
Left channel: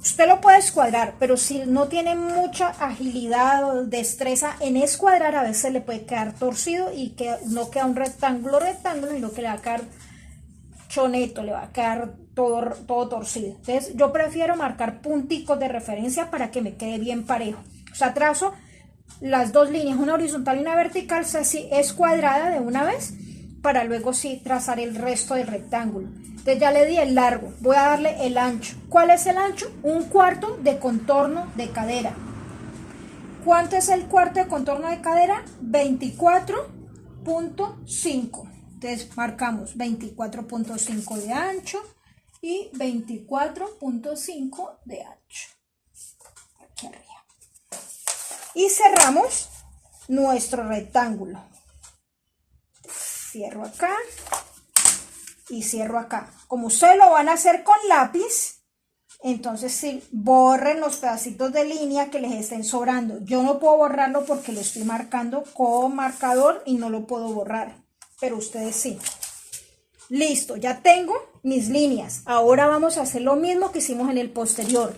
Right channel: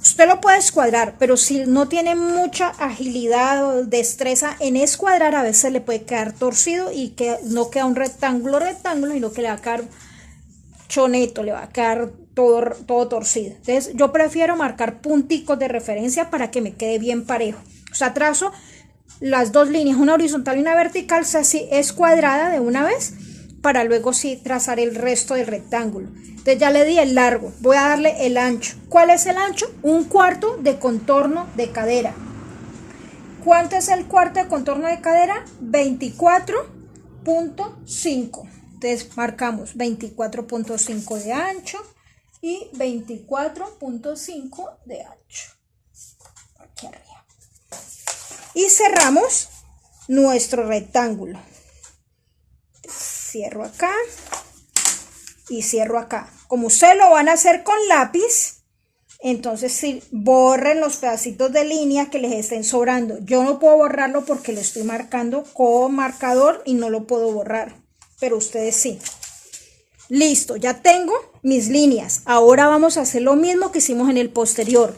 Usted lo puede escuadrar, pero si no tiene mucha agilidad o destreza en escuadrar, a veces le puede quedar torcido y que no queda un rectángulo, sino que le va a quedar choneto, le va a quedar todo torcido. Entonces yo prefiero marcar punticos de referencia para que me quede bien parejo. O sea, trazo las dos líneas, una horizontal y una vertical, así es cuadrada de una vez, para luego sí trazar el resto del rectángulo. Entonces ya le di el largo, voy a darle el ancho. ¿Cuál es el ancho? 1/4 de contorno de cadera. ¿Cuánto es el cuarto de contorno de cadera? 24.5. Entonces marcamos 24.5 de ancho y 24.5 de ancho. Aquí arriba. Y cerramos nuestro rectángulo. Cierro acá y cierro acá. Como ustedes lo van a hacer con lápiz, entonces sí, borren los pedacitos de línea que les estén sobrando. Yo no puedo borrarlo porque lo estoy marcando con marcador y no lo puedo borrar. Pero ustedes sí. Listo, ya tengo mis líneas. Ahora vamos a hacer lo mismo que hicimos en el posterior.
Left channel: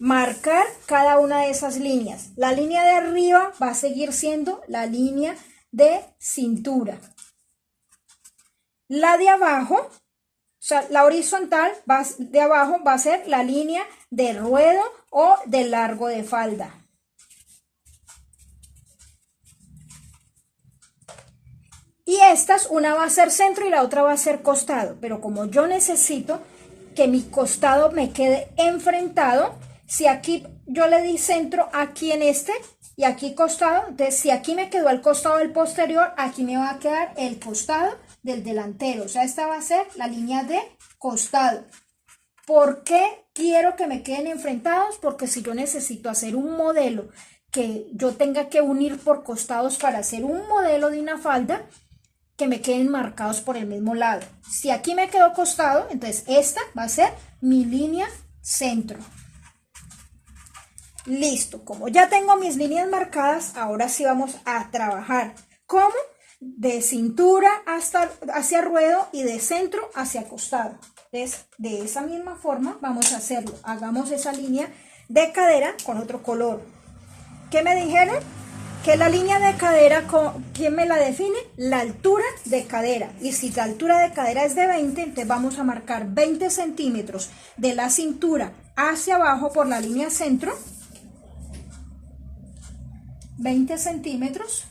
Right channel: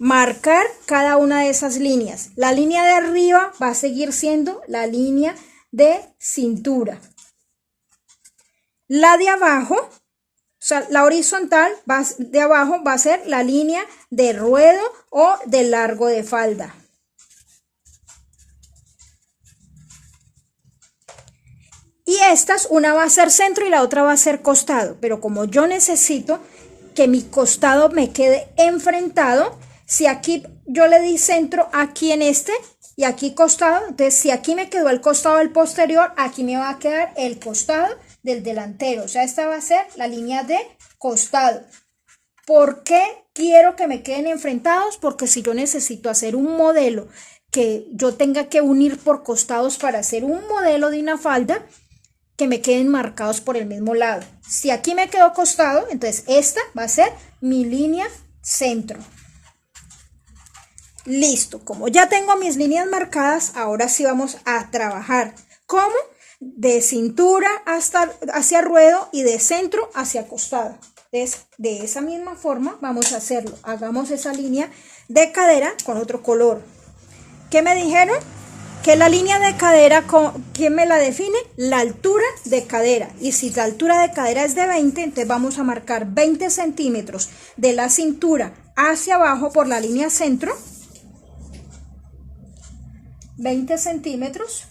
Marcar cada una de esas líneas. La línea de arriba va a seguir siendo la línea de cintura. La de abajo, o sea, la horizontal de abajo va a ser la línea de ruedo o de largo de falda. Y estas, una va a ser centro y la otra va a ser costado. Pero como yo necesito que mi costado me quede enfrentado, si aquí yo le di centro aquí en este y aquí costado, entonces si aquí me quedó el costado del posterior, aquí me va a quedar el costado del delantero. O sea, esta va a ser la línea de costado. ¿Por qué quiero que me queden enfrentados? Porque si yo necesito hacer un modelo que yo tenga que unir por costados para hacer un modelo de una falda, que me queden marcados por el mismo lado. Si aquí me quedó costado, entonces esta va a ser mi línea centro. Listo, como ya tengo mis líneas marcadas, ahora sí vamos a trabajar. ¿Cómo? De cintura hacia ruedo y de centro hacia costado. Entonces, de esa misma forma vamos a hacerlo. Hagamos esa línea de cadera con otro color. ¿Qué me dijeron? Que la línea de cadera, ¿quién me la define? La altura de cadera. Y si la altura de cadera es de 20, entonces vamos a marcar 20 centímetros de la cintura hacia abajo por la línea centro. 20 centímetros.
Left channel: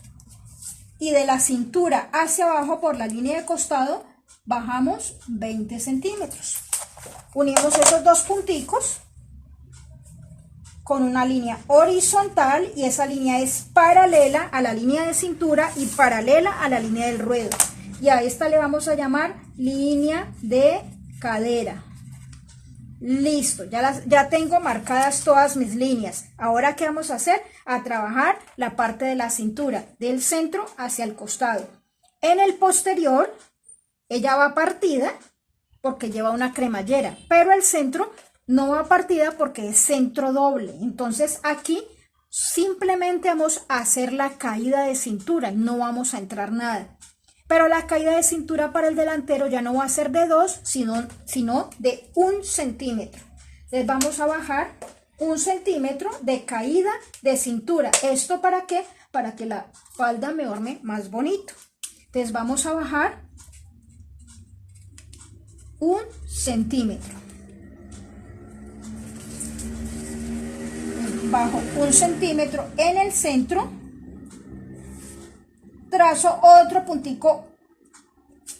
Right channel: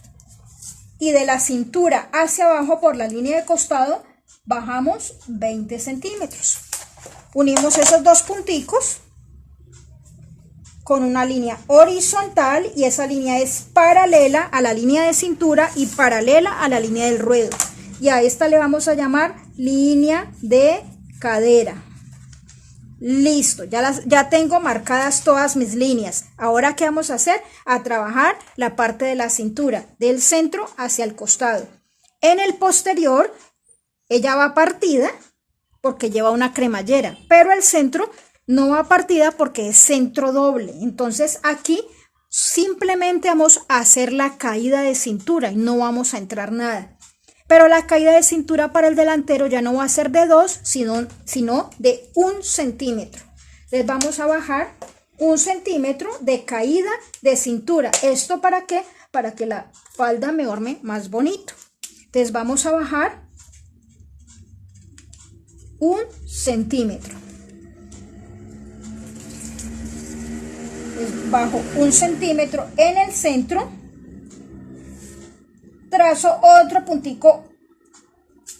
Y de la cintura hacia abajo por la línea de costado, bajamos 20 centímetros. Unimos esos dos punticos con una línea horizontal y esa línea es paralela a la línea de cintura y paralela a la línea del ruedo. Y a esta le vamos a llamar línea de cadera. Listo, ya tengo marcadas todas mis líneas. Ahora, ¿qué vamos a hacer? A trabajar la parte de la cintura, del centro hacia el costado. En el posterior, ella va partida porque lleva una cremallera, pero el centro no va partida porque es centro doble. Entonces aquí simplemente vamos a hacer la caída de cintura y no vamos a entrar nada. Pero la caída de cintura para el delantero ya no va a ser de 2, sino de 1 centímetro. Entonces vamos a bajar 1 centímetro de caída de cintura. ¿Esto para qué? Para que la falda me orme más bonito. Entonces vamos a bajar 1 centímetro. Bajo 1 centímetro en el centro. Trazo otro puntico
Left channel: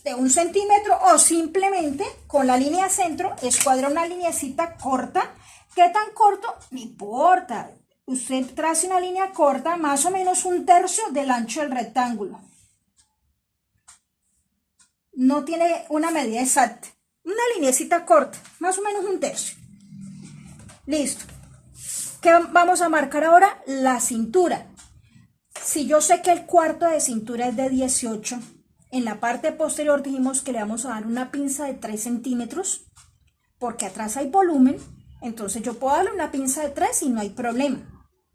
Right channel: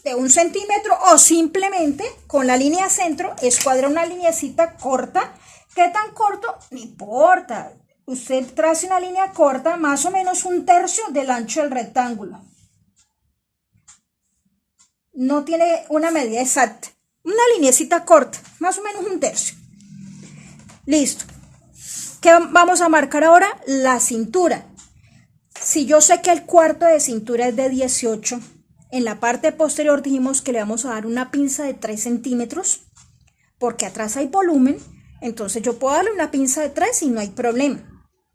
de 1 centímetro o simplemente con la línea centro escuadra una lineecita corta. ¿Qué tan corto? No importa. Usted trace una línea corta, más o menos 1/3 del ancho del rectángulo. No tiene una medida exacta. Una lineecita corta, más o menos 1/3. Listo. ¿Qué vamos a marcar ahora? La cintura. Si yo sé que el cuarto de cintura es de 18, en la parte posterior dijimos que le vamos a dar una pinza de 3 centímetros, porque atrás hay volumen, entonces yo puedo darle una pinza de 3 y no hay problema,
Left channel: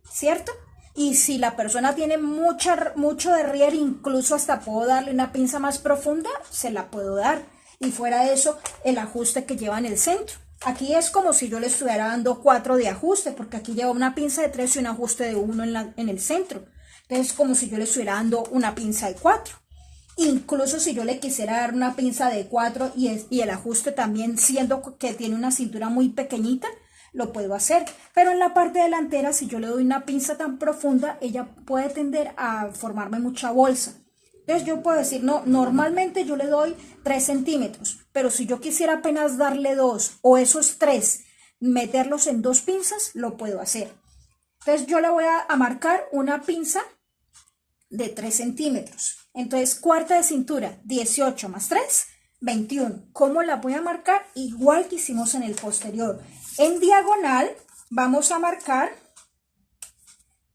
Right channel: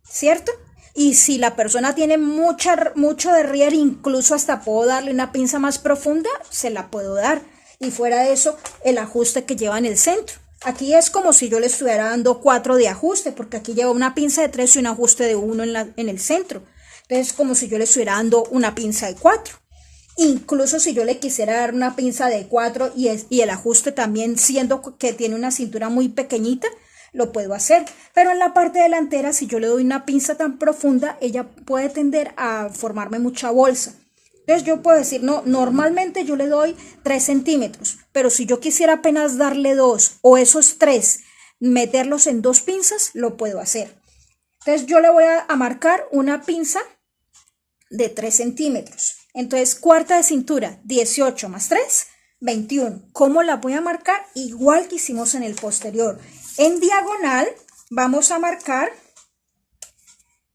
¿cierto? Y si la persona tiene mucho derrier, incluso hasta puedo darle una pinza más profunda, se la puedo dar. Y fuera de eso, el ajuste que lleva en el centro. Aquí es como si yo le estuviera dando 4 de ajuste, porque aquí lleva una pinza de 3 y un ajuste de 1 en el centro. Entonces, como si yo le estuviera dando una pinza de 4. Incluso si yo le quisiera dar una pinza de 4 y el ajuste también, siendo que tiene una cintura muy pequeñita, lo puedo hacer. Pero en la parte delantera, si yo le doy una pinza tan profunda, ella puede tender a formarme mucha bolsa. Entonces yo puedo decir, no, normalmente yo le doy 3 centímetros, pero si yo quisiera apenas darle 2 o esos 3, meterlos en 2 pinzas, lo puedo hacer. Entonces yo le voy a marcar una pinza de 3 centímetros. Entonces, cuarta de cintura, 18 más 3, 21. ¿Cómo la voy a marcar? Igual que hicimos en el posterior. En diagonal vamos a marcar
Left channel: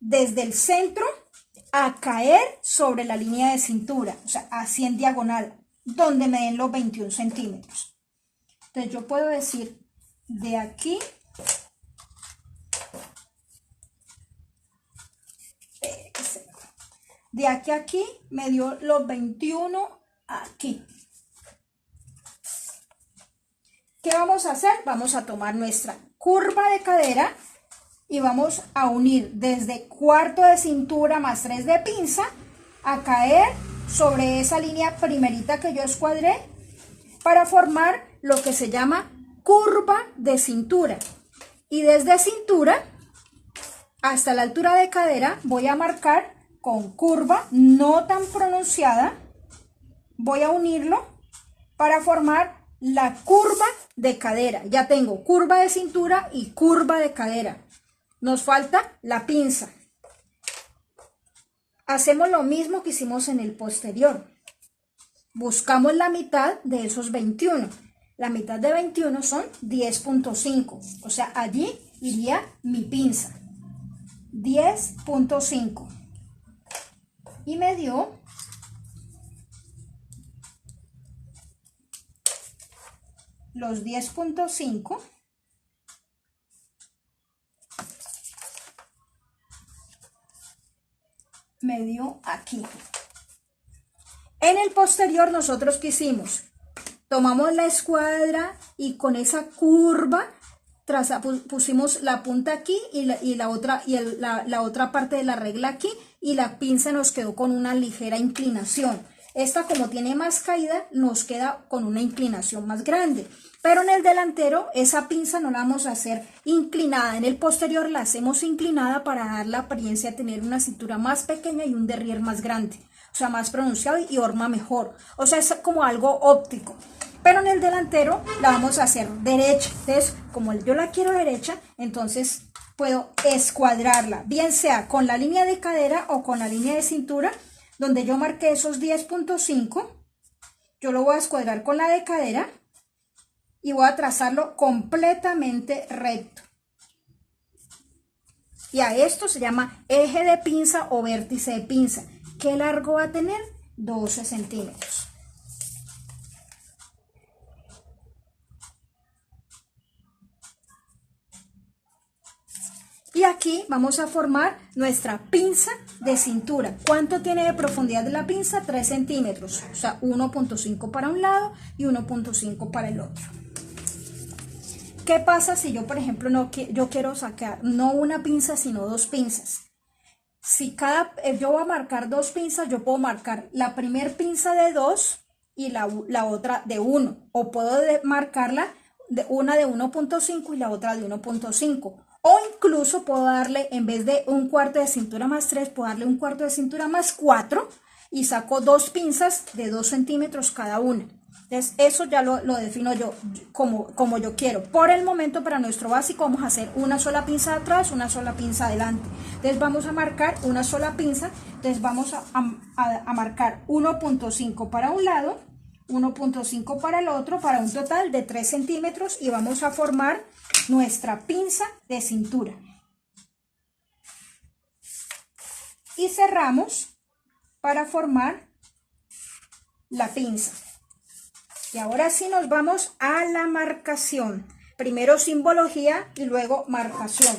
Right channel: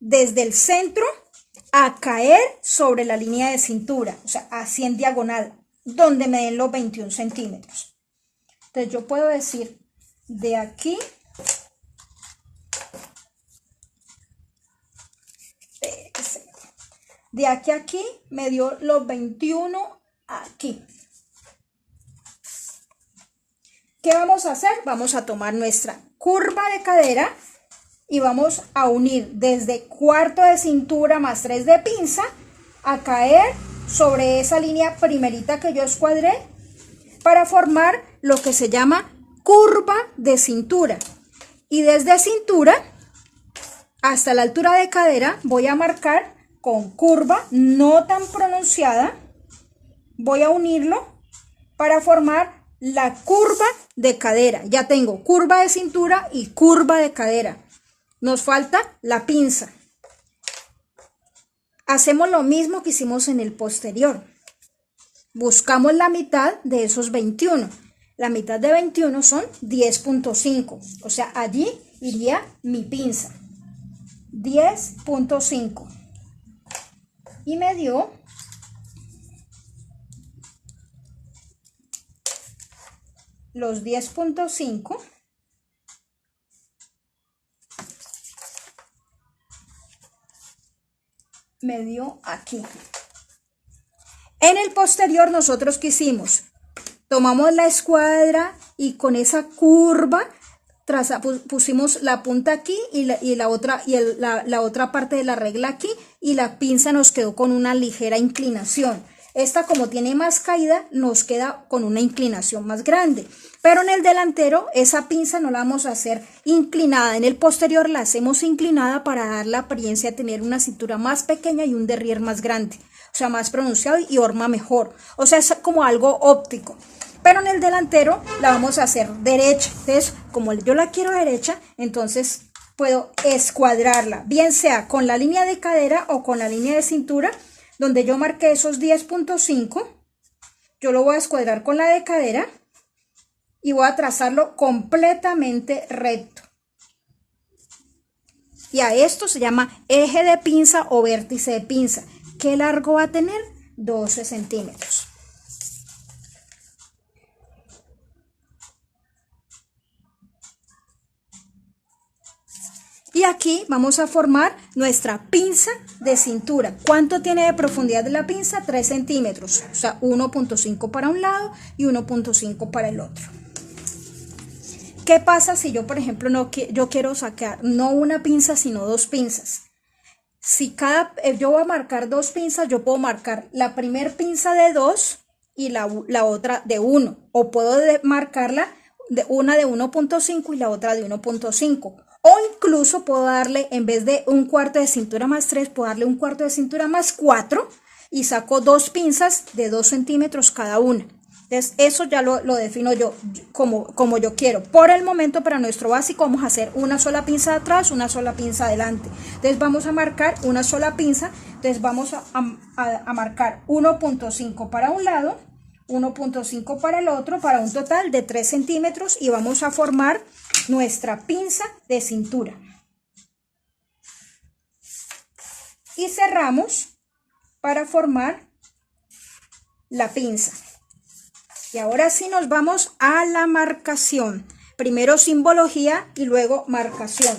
desde el centro a caer sobre la línea de cintura. O sea, así en diagonal, donde me den los 21 centímetros. Entonces, yo puedo decir de aquí... De aquí a aquí me dio los 21 aquí. ¿Qué vamos a hacer? Vamos a tomar nuestra curva de cadera y vamos a unir desde cuarto de cintura más 3 de pinza a caer sobre esa línea primerita que yo escuadré para formar lo que se llama curva de cintura. Y desde cintura hasta la altura de cadera voy a marcar con curva no tan pronunciada, voy a unirlo para formar la curva de cadera. Ya tengo curva de cintura y curva de cadera. Nos falta la pinza. Hacemos lo mismo que hicimos en el posterior. Buscamos la mitad de esos 21. La mitad de 21 son 10.5. O sea, allí iría mi pinza. 10.5. Y me dio los 10.5 me dio aquí. En el posterior nosotros ¿qué hicimos? Tomamos la escuadra y con esa curva pusimos la punta aquí y la otra parte de la regla aquí, y la pinza nos quedó con una ligera inclinación. Esta, como tiene más caída, nos queda con una inclinación más grande. Pero en el delantero esa pinza no la vamos a hacer inclinada. En el posterior la hacemos inclinada para dar la apariencia de tener una cintura más pequeña y un derrier más grande. O sea, más pronunciado y horma mejor. O sea, es como algo óptico. Pero en el delantero la vamos a hacer derecha. Entonces, como yo la quiero derecha, entonces puedo escuadrarla, bien sea con la línea de cadera o con la línea de cintura, donde yo marqué esos 10.5. Yo lo voy a escuadrar con la de cadera y voy a trazarlo completamente recto. Y a esto se llama eje de pinza o vértice de pinza. ¿Qué largo va a tener? 12 centímetros. Y aquí vamos a formar nuestra pinza de cintura. ¿Cuánto tiene de profundidad de la pinza? 3 centímetros, o sea, 1.5 para un lado y 1.5 para el otro. ¿Qué pasa si yo, por ejemplo, yo quiero sacar no una pinza, sino 2 pinzas? Si yo voy a marcar 2 pinzas, yo puedo marcar la primer pinza de 2 y la otra de 1. O puedo marcarla una de 1.5 y la otra de 1.5. O incluso puedo darle, en vez de un cuarto de cintura más 3, puedo darle un cuarto de cintura más 4 y saco 2 pinzas de 2 centímetros cada una. Entonces, eso ya lo defino yo como yo quiero. Por el momento, para nuestro básico, vamos a hacer una sola pinza de atrás, una sola pinza adelante. Entonces, vamos a marcar una sola pinza. Entonces, vamos a marcar 1.5 para un lado, 1.5 para el otro, para un total de 3 centímetros. Y vamos a formar nuestra pinza de cintura. Y cerramos para formar la pinza. Y ahora sí nos vamos a la marcación. Primero simbología y luego marcación.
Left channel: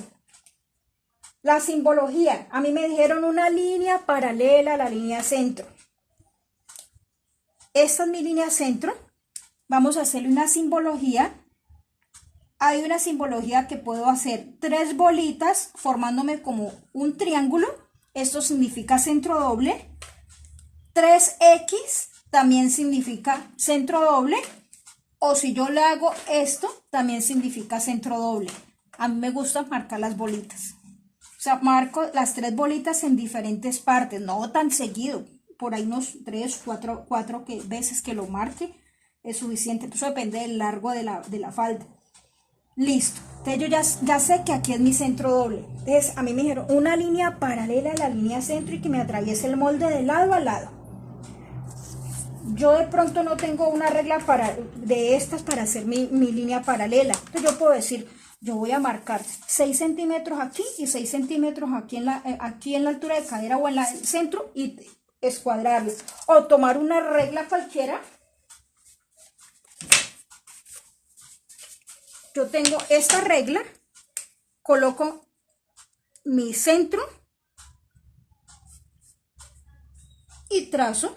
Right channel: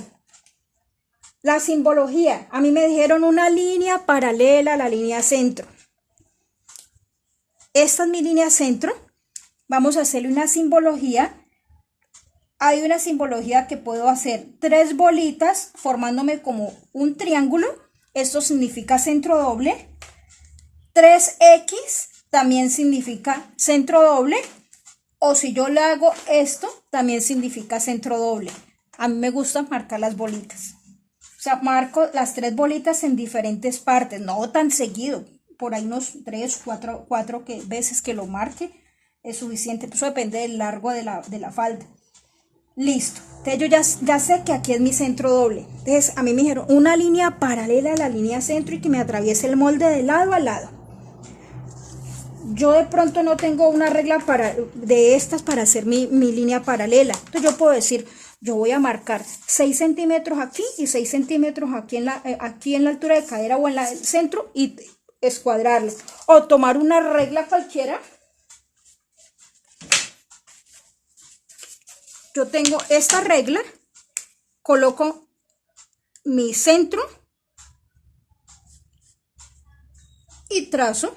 La simbología, a mí me dijeron una línea paralela a la línea centro. Esta es mi línea centro. Vamos a hacerle una simbología. Hay una simbología que puedo hacer 3 bolitas formándome como un triángulo. Esto significa centro doble. 3X. También significa centro doble, o si yo le hago esto, también significa centro doble. A mí me gusta marcar las bolitas. O sea, marco las 3 bolitas en diferentes partes, no tan seguido. Por ahí unos 3, 4 veces que lo marque es suficiente. Eso depende del largo de la falda. Listo. Entonces yo ya sé que aquí es mi centro doble. Entonces a mí me dijeron una línea paralela a la línea centro y que me atraviese el molde de lado a lado. Yo de pronto no tengo una regla de estas para hacer mi línea paralela. Entonces yo puedo decir, yo voy a marcar 6 centímetros aquí y 6 centímetros aquí en la altura de cadera o en el centro y escuadrarlo. O tomar una regla cualquiera. Yo tengo esta regla, coloco mi centro y trazo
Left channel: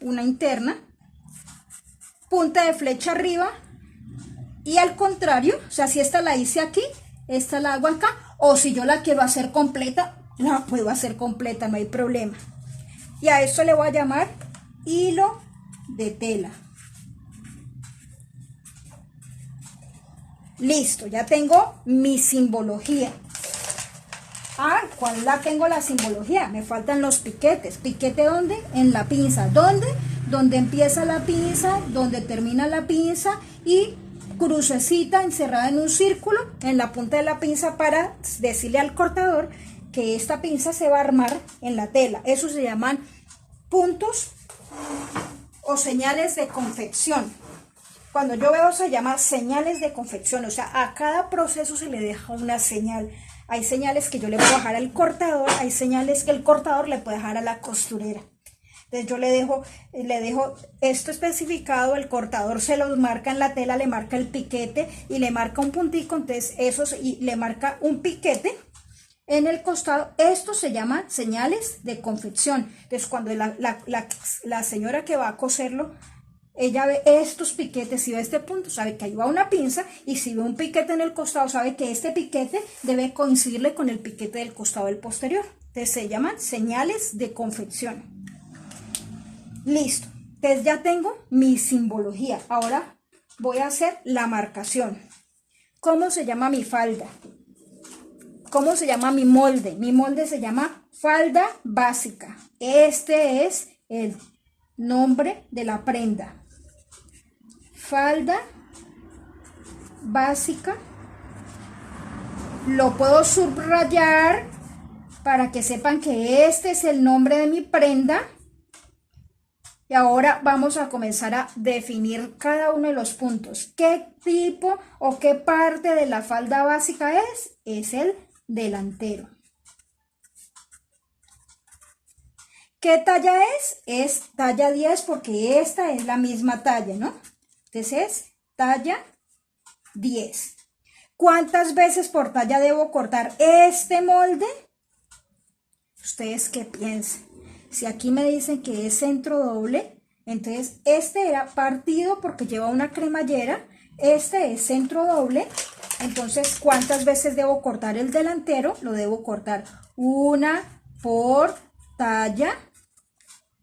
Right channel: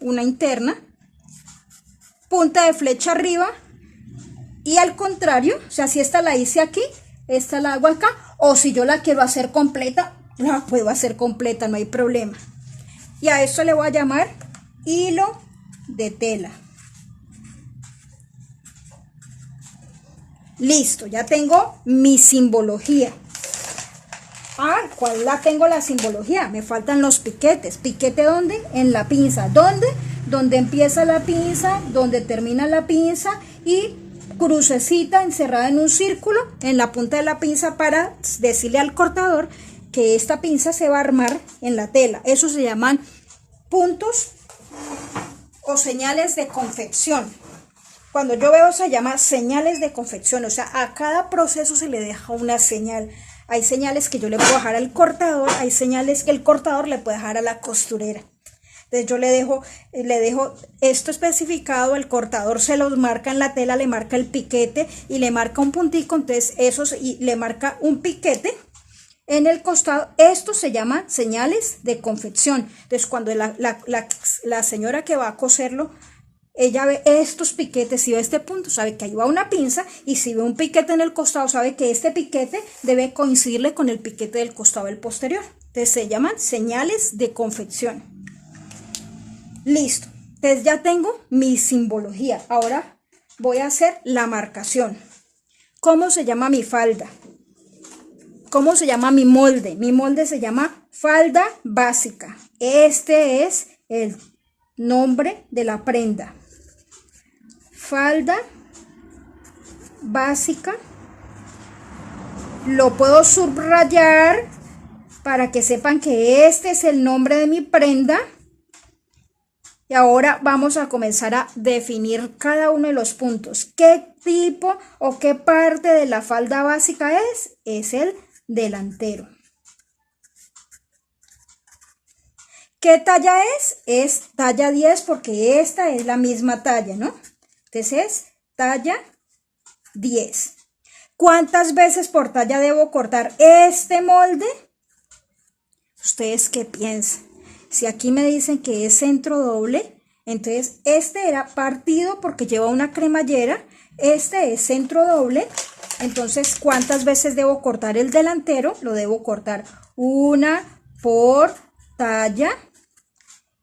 una interna, punta de flecha arriba y al contrario, o sea, si esta la hice aquí, esta la hago acá, o si yo la quiero hacer completa, la puedo hacer completa, no hay problema. Y a esto le voy a llamar hilo de tela. Listo, ya tengo mi simbología. ¿Cuál la tengo la simbología? Me faltan los piquetes. ¿Piquete dónde? En la pinza. ¿Dónde? Donde empieza la pinza, donde termina la pinza y crucecita encerrada en un círculo en la punta de la pinza para decirle al cortador que esta pinza se va a armar en la tela. Eso se llaman puntos o señales de confección. Cuando yo veo se llama señales de confección, o sea, a cada proceso se le deja una señal. Hay señales que yo le puedo dejar al cortador, hay señales que el cortador le puede dejar a la costurera. Entonces yo le dejo esto especificado, el cortador se los marca en la tela, le marca el piquete y le marca un puntico, entonces y le marca un piquete en el costado. Esto se llama señales de confección. Entonces cuando la señora que va a coserlo, ella ve estos piquetes, si ve este punto, sabe que ahí va una pinza, y si ve un piquete en el costado, sabe que este piquete debe coincidirle con el piquete del costado del posterior. Entonces se llaman señales de confección. Listo. Entonces ya tengo mi simbología. Ahora voy a hacer la marcación. ¿Cómo se llama mi falda? ¿Cómo se llama mi molde? Mi molde se llama falda básica. Este es el nombre de la prenda. Falda básica. Lo puedo subrayar para que sepan que este es el nombre de mi prenda. Y ahora vamos a comenzar a definir cada uno de los puntos. ¿Qué tipo o qué parte de la falda básica es? Es el delantero. ¿Qué talla es? Es talla 10 porque esta es la misma talla, ¿no? Entonces es talla 10. ¿Cuántas veces por talla debo cortar este molde? ¿Ustedes qué piensan? Si aquí me dicen que es centro doble, entonces este era partido porque lleva una cremallera, este es centro doble, entonces ¿cuántas veces debo cortar el delantero? Lo debo cortar una por talla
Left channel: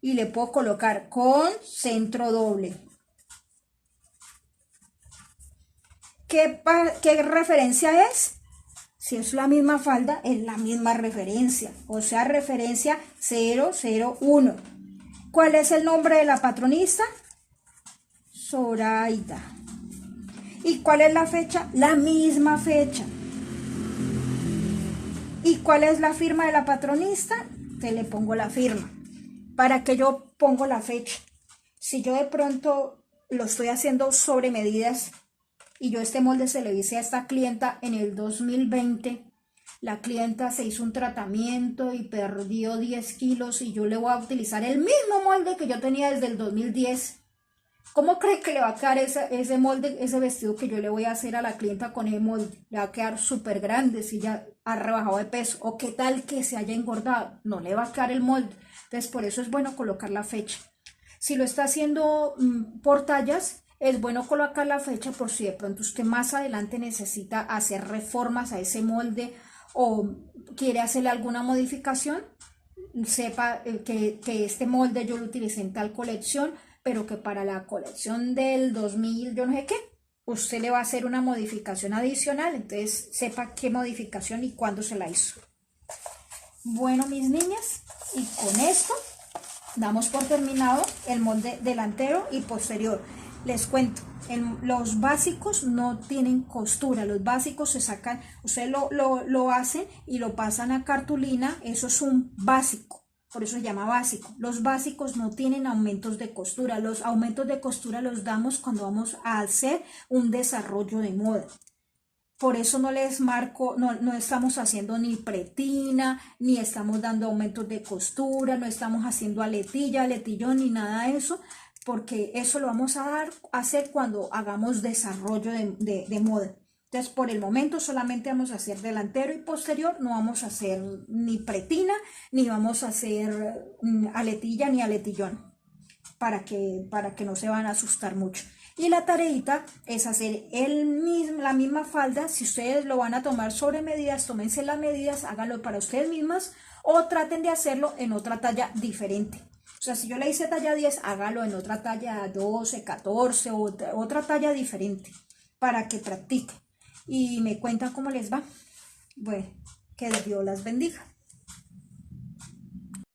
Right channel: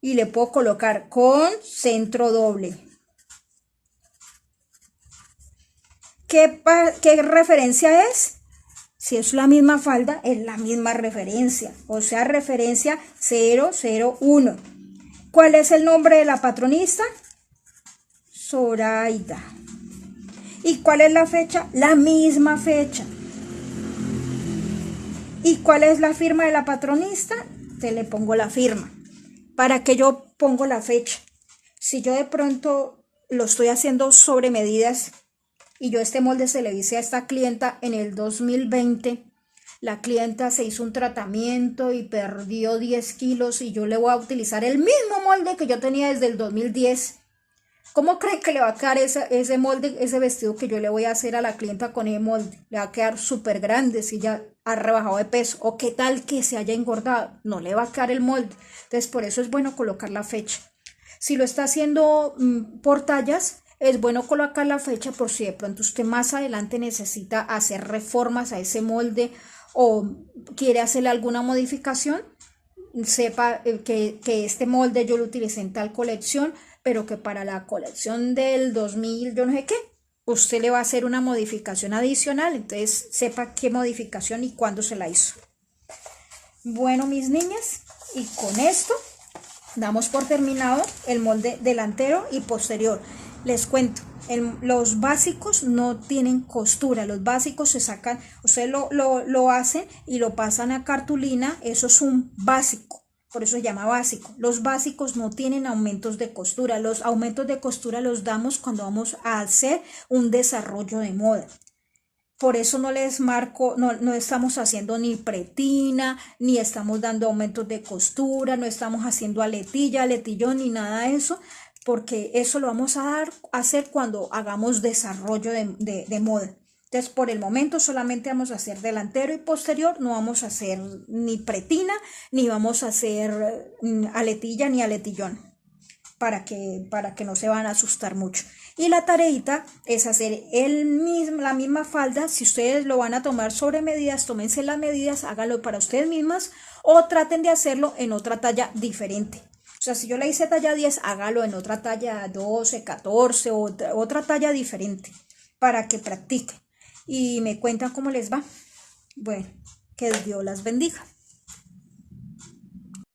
y le puedo colocar con centro doble. ¿Qué referencia es? Si es la misma falda, es la misma referencia, o sea, referencia 001. ¿Cuál es el nombre de la patronista? Zoraida. ¿Y cuál es la fecha? La misma fecha. ¿Y cuál es la firma de la patronista? Te le pongo la firma. ¿Para qué yo pongo la fecha? Si yo de pronto lo estoy haciendo sobre medidas y yo este molde se le hice a esta clienta en el 2020, la clienta se hizo un tratamiento y perdió 10 kilos y yo le voy a utilizar el mismo molde que yo tenía desde el 2010. ¿Cómo cree que le va a quedar ese molde, ese vestido que yo le voy a hacer a la clienta con ese molde? Le va a quedar súper grande si ya ha rebajado de peso. ¿O qué tal que se haya engordado? No le va a quedar el molde. Entonces por eso es bueno colocar la fecha. Si lo está haciendo por tallas, es bueno colocar la fecha por si de pronto usted más adelante necesita hacer reformas a ese molde o quiere hacerle alguna modificación. Sepa que este molde yo lo utilicé en tal colección, pero que para la colección del 2000, yo no sé qué, usted le va a hacer una modificación adicional, entonces sepa qué modificación y cuándo se la hizo. Bueno, mis niñas, y con esto damos por terminado el molde delantero y posterior. Les cuento, los básicos no tienen costura, los básicos se sacan, ustedes lo hacen y lo pasan a cartulina, eso es un básico. Por eso se llama básico. Los básicos no tienen aumentos de costura. Los aumentos de costura los damos cuando vamos a hacer un desarrollo de moda. Por eso no les marco, no estamos haciendo ni pretina, ni estamos dando aumentos de costura, no estamos haciendo aletilla, aletillón, ni nada de eso, porque eso lo vamos a hacer cuando hagamos desarrollo de moda. Entonces, por el momento solamente vamos a hacer delantero y posterior, no vamos a hacer ni pretina, ni vamos a hacer aletilla ni aletillón, para que no se van a asustar mucho. Y la tareita es hacer la misma falda. Si ustedes lo van a tomar sobre medidas, tómense las medidas, háganlo para ustedes mismas o traten de hacerlo en otra talla diferente. O sea, si yo le hice talla 10, hágalo en otra talla 12, 14, otra talla diferente para que practiquen. Y me cuentan cómo les va. Bueno, que Dios las bendiga.